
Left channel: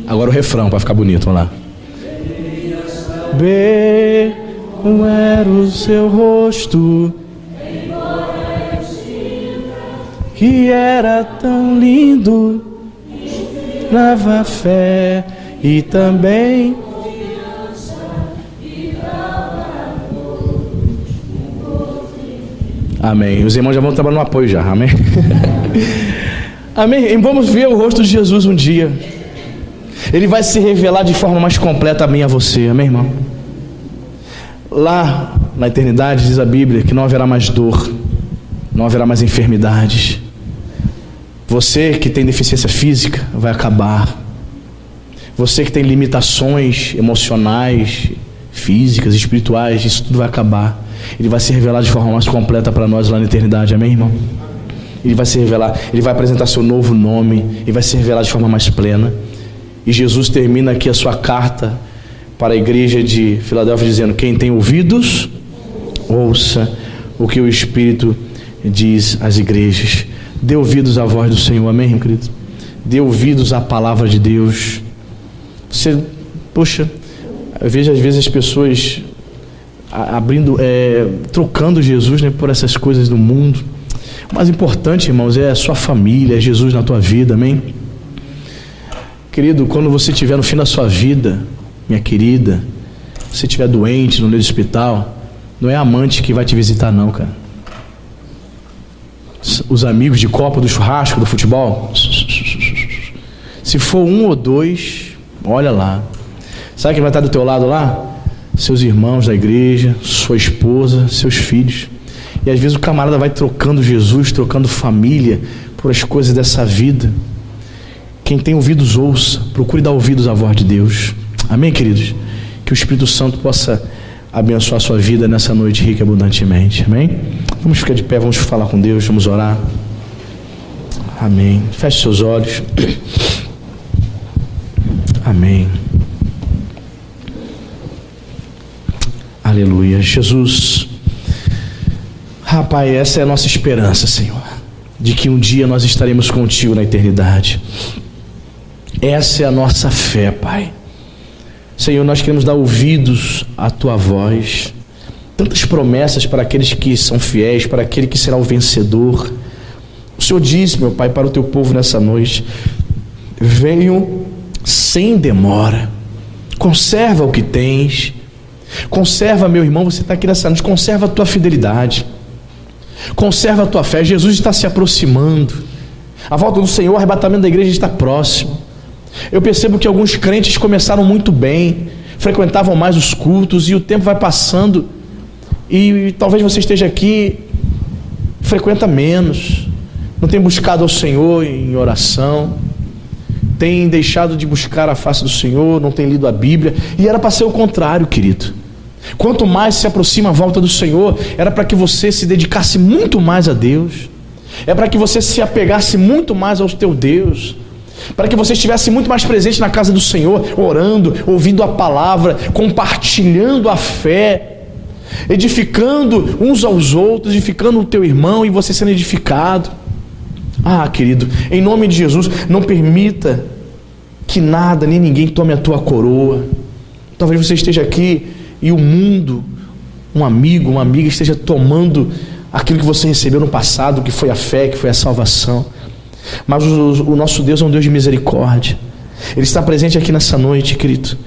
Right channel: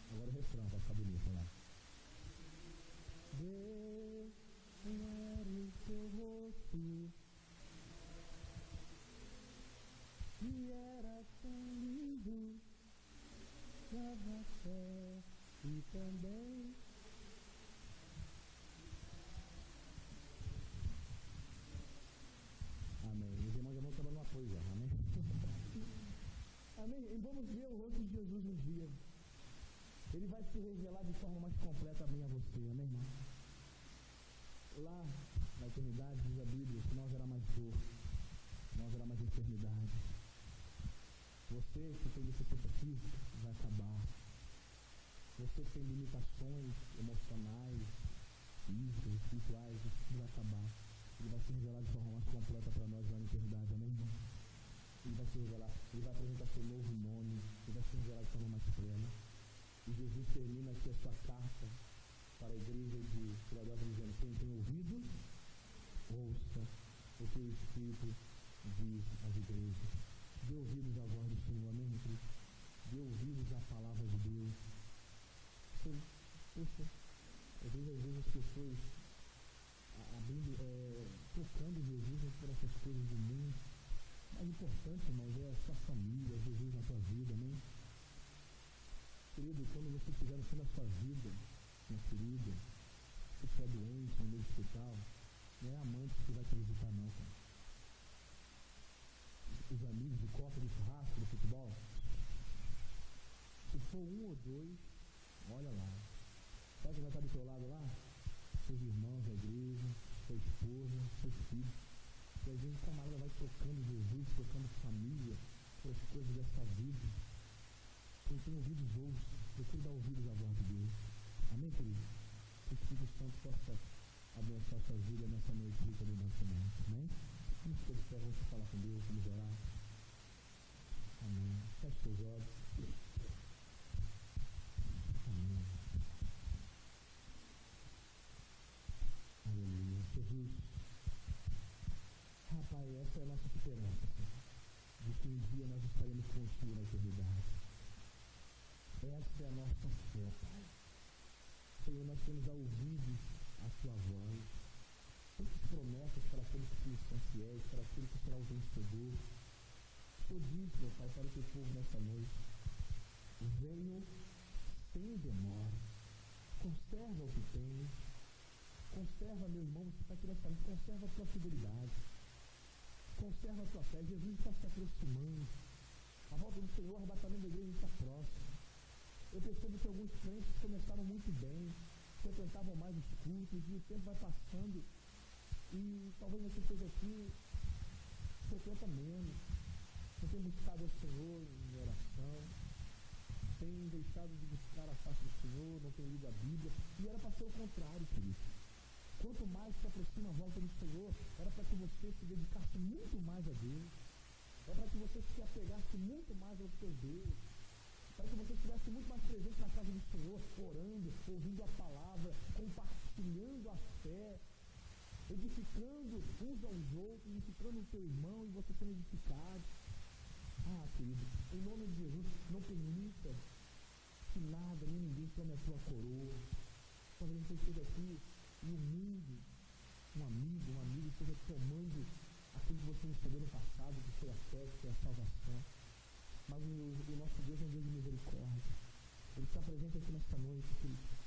Agora o refrão para ficar bonito, vamos lá. Bem era o seu rosto, que era tão lindo, dava fé e também amém. Os irmãos já vão trabalhar no apoio já, amém. Amém. E vamos ver o rosto de Jesus um dia. Ele vai se revelar de forma mais completa a mim e a você, amém, irmão? Lá na eternidade diz a Bíblia que não haverá mais dor, não haverá mais enfermidades. Você que tem deficiência física vai acabar. Você que tem limitações emocionais, físicas, espirituais, isso tudo vai acabar. Ele vai se revelar de forma mais completa para nós lá na eternidade, amém, irmão? Ele vai se revelar, ele vai apresentar seu novo nome, ele vai se revelar de forma mais plena. E Jesus termina aqui a sua carta para a igreja de Filadélfia dizendo: quem tem ouvidos, ouça o que o Espírito diz às igrejas. Dê ouvidos à voz do Senhor, amém, meu querido? Dê ouvidos à palavra de Deus. Você, poxa, eu vejo às vezes as pessoas trocando Jesus, né, por essas coisas do mundo. O mais importante, irmãos, é a sua família, é Jesus na tua vida, amém? Querido, quando você estiver no fim da sua vida, minha querida, se você estiver doente no meio do hospital, não é a amante que vai te visitar não, cara. Os amigos de copa, do churrasco, do futebol, se for um ou dois, olha lá. Sabe quem vai estar do teu lado lá? Seus irmãos da igreja, sua esposa, seus filhos. E às vezes o camarada vai trocando Jesus, trocando família por as coisas dessa vida. Quem tem ouvidos, ouça. Procure dar ouvidos à voz de Deus. Amém, queridos? Que o Espírito Santo possa abençoar a sua vida nessa noite rica e abundantemente. Amém? Vamos ficar de pé, vamos falar com Deus, vamos orar. Amém. Feche seus olhos. Amém. Aleluia. Jesus, rapaz, essa é a nossa esperança, Senhor, de que um dia nós estaremos contigo na eternidade. Essa é a nossa fé, Pai. Senhor, nós queremos dar ouvidos à Tua voz. Tantas promessas para aqueles que são fiéis, para aquele que será o vencedor. O Senhor disse, meu Pai, para o Teu povo nessa noite: venham sem demora. Conserva o que tens. Conserva, meu irmão, você está aqui nessa noite, conserva a tua fidelidade. Conserva a tua fé. Jesus está se aproximando. A volta do Senhor, o arrebatamento da igreja está próximo. Eu percebo que alguns crentes começaram muito bem, frequentavam mais os cultos, e o tempo vai passando, e talvez você esteja aqui, frequenta menos, não tem buscado ao Senhor em oração, tem deixado de buscar a face do Senhor, não tem lido a Bíblia, e era para ser o contrário, querido. Quanto mais se aproxima a volta do Senhor, era para que você se dedicasse muito mais a Deus, é para que você se apegasse muito mais ao teu Deus, para que você estivesse muito mais presente na casa do Senhor, orando, ouvindo a palavra, compartilhando a fé, edificando uns aos outros, edificando o teu irmão e você sendo edificado. Ah, querido, em nome de Jesus, não permita que nada nem ninguém tome a tua coroa. Talvez você esteja aqui e o mundo, um amigo, uma amiga esteja tomando aquilo que você recebeu no passado, que foi a fé, que foi a salvação. Mas o nosso Deus é um Deus de misericórdia. Ele está presente aqui nessa noite, querido.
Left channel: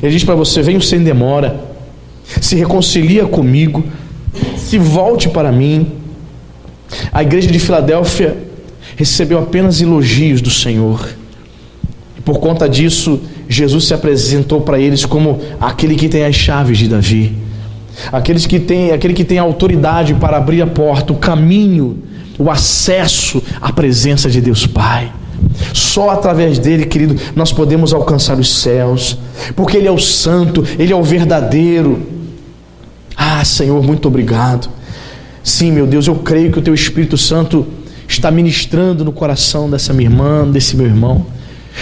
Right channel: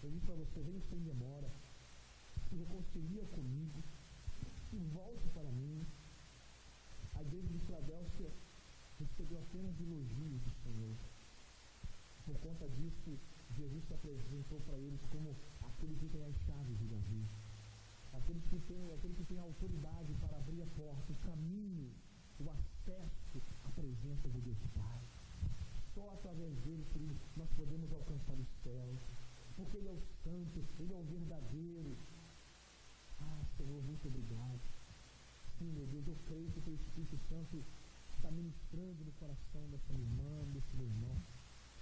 Ele diz para você: venha sem demora, se reconcilia comigo, se volte para mim. A igreja de Filadélfia recebeu apenas elogios do Senhor, e por conta disso Jesus se apresentou para eles como aquele que tem as chaves de Davi, aquele que tem a autoridade para abrir a porta, o caminho, o acesso à presença de Deus Pai. Só através dele, querido, nós podemos alcançar os céus, porque Ele é o santo, Ele é o verdadeiro. Ah, Senhor, muito obrigado. Sim, meu Deus, eu creio que o Teu Espírito Santo está ministrando no coração dessa minha irmã, desse meu irmão.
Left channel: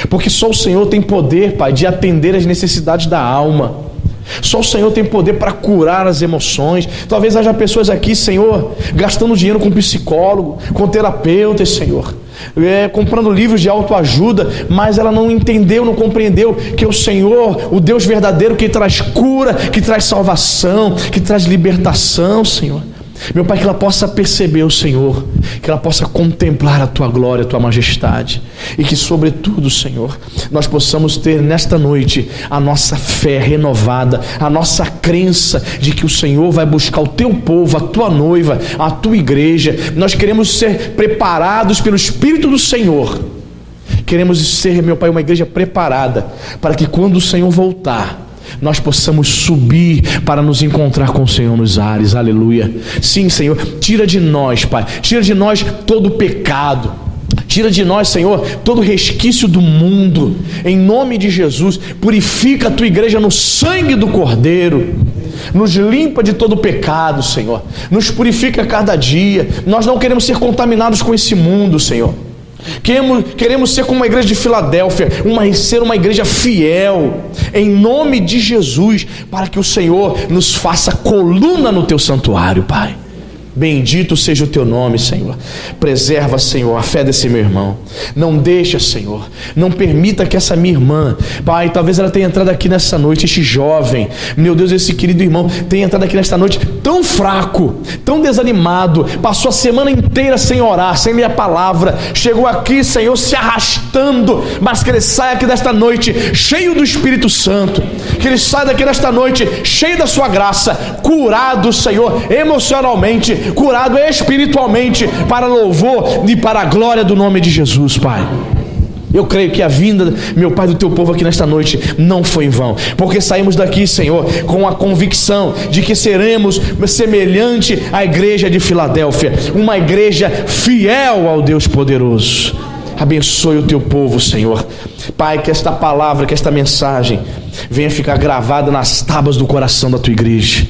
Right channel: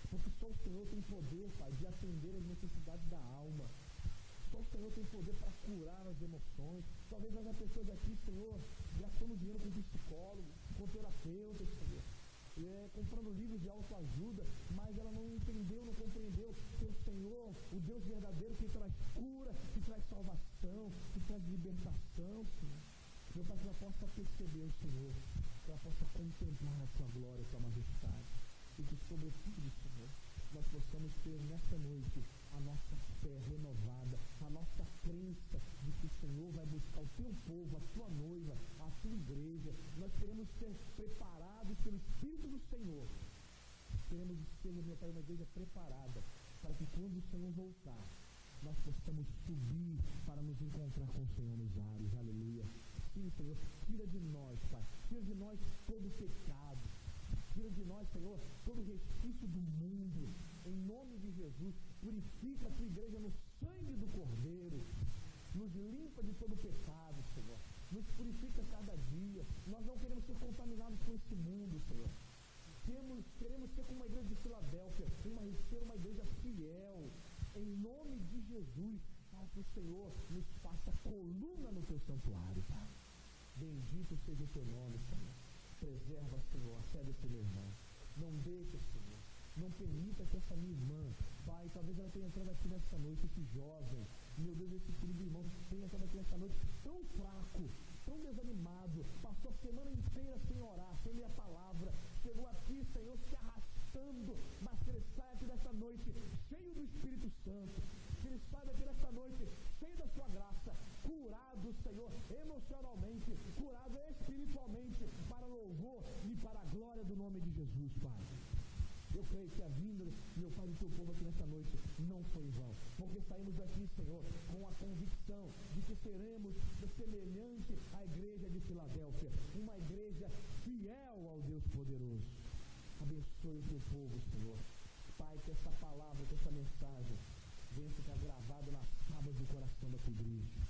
Porque só o Senhor tem poder, Pai, de atender às necessidades da alma. Só o Senhor tem poder para curar as emoções. Talvez haja pessoas aqui, Senhor, gastando dinheiro com psicólogo, com terapeutas, Senhor, comprando livros de autoajuda, mas ela não entendeu, não compreendeu que o Senhor, o Deus verdadeiro, que traz cura, que traz salvação, que traz libertação, Senhor. Meu Pai, que ela possa perceber o Senhor, que ela possa contemplar a Tua glória, a Tua majestade, e que sobretudo, Senhor, nós possamos ter nesta noite a nossa fé renovada, a nossa crença de que o Senhor vai buscar o Teu povo, a Tua noiva, a Tua igreja. Nós queremos ser preparados pelo Espírito do Senhor. Queremos ser, meu Pai, uma igreja preparada para que quando o Senhor voltar, nós possamos subir para nos encontrar com o Senhor nos ares. Aleluia. Sim, Senhor, tira de nós, Pai, tira de nós todo o pecado, tira de nós, Senhor, todo resquício do mundo, em nome de Jesus. Purifica a Tua igreja no sangue do Cordeiro, nos limpa de todo o pecado, Senhor, nos purifica a cada dia. Nós não queremos ser contaminados com esse mundo, Senhor. Queremos ser como uma igreja de Filadélfia, ser uma igreja fiel, em nome de Jesus, para que o Senhor nos faça coluna no Teu santuário, Pai. Bendito seja o Teu nome, Senhor. Preserva, Senhor, a fé desse meu irmão. Não deixa, Senhor, não permita que essa minha irmã, Pai, talvez ela tenha entrado aqui nessa noite, este jovem, meu Deus, esse querido irmão tenha entrado aqui nesta noite tão fraco, tão desanimado, passou a semana inteira sem orar, sem ler a palavra, chegou aqui, Senhor, se arrastando, mas que ele saia aqui desta noite cheio do Espírito Santo, que ele saia daqui nesta noite cheio da Sua graça, curado, Senhor, emocionalmente, curado espiritualmente, para louvor e para a glória do nome de Jesus, Pai. Eu creio que a vinda, meu Pai, do Teu povo aqui nesta noite não foi em vão, porque saímos daqui, Senhor, com a convicção de que seremos semelhante à igreja de Filadélfia, uma igreja fiel ao Deus poderoso. Abençoe o Teu povo, Senhor. Pai, que esta palavra, que esta mensagem venha ficar gravada nas tábuas do coração da Tua igreja,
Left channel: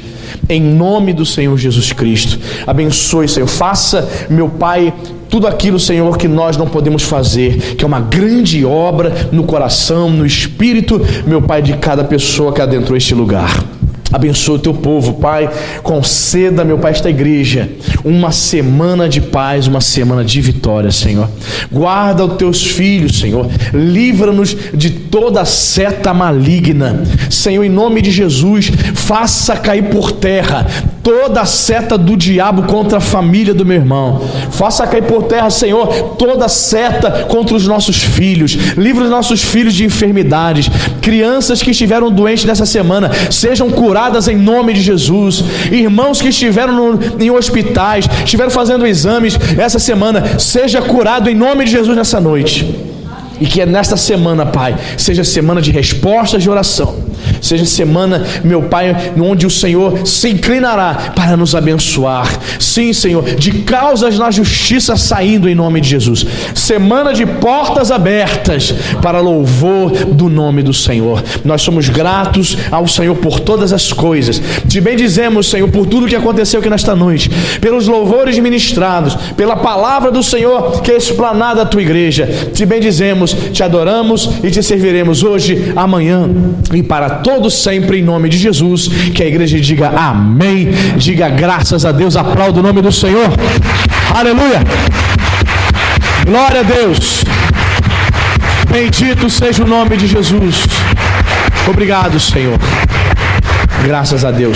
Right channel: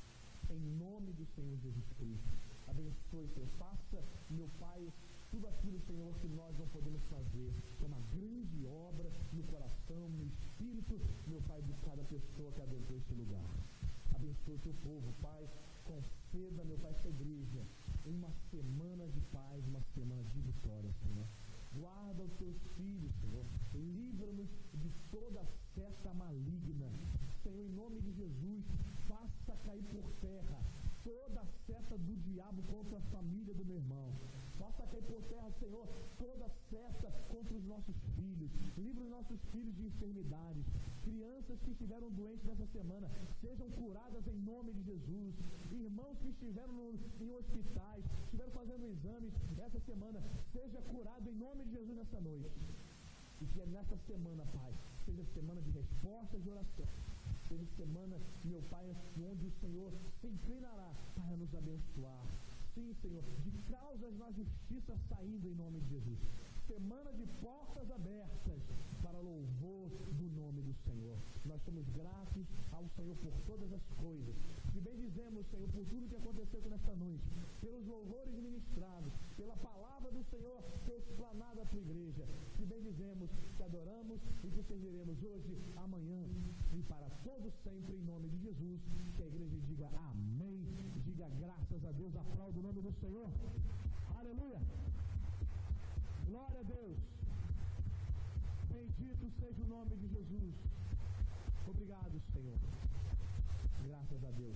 em nome do Senhor Jesus Cristo. Abençoe, Senhor, faça, meu Pai, tudo aquilo, Senhor, que nós não podemos fazer, que é uma grande obra no coração, no espírito, meu Pai, de cada pessoa que adentrou este lugar. Abençoa o Teu povo, Pai, conceda, meu Pai, esta igreja uma semana de paz, uma semana de vitória, Senhor. Guarda os Teus filhos, Senhor, livra-nos de toda seta maligna, Senhor, em nome de Jesus. Faça cair por terra toda a seta do diabo contra a família do meu irmão. Faça cair por terra, Senhor, toda a seta contra os nossos filhos. Livra os nossos filhos de enfermidades. Crianças que estiveram doentes nessa semana sejam curadas em nome de Jesus. Irmãos que estiveram em hospitais, estiveram fazendo exames essa semana, seja curado em nome de Jesus nessa noite. E que nesta semana, Pai, seja semana de respostas de oração, seja semana, meu Pai, onde o Senhor se inclinará para nos abençoar. Sim, Senhor, de causas na justiça saindo em nome de Jesus. Semana de portas abertas para louvor do nome do Senhor. Nós somos gratos ao Senhor por todas as coisas. Te bendizemos, Senhor, por tudo que aconteceu aqui nesta noite, pelos louvores ministrados, pela palavra do Senhor que é explanada à Tua igreja. Te bendizemos, te adoramos e te serviremos hoje, amanhã e para todos sempre, em nome de Jesus. Que a igreja diga amém, diga graças a Deus, aplauda o nome do Senhor. Aleluia, glória a Deus, bendito seja o nome de Jesus. Obrigado, Senhor, graças a Deus.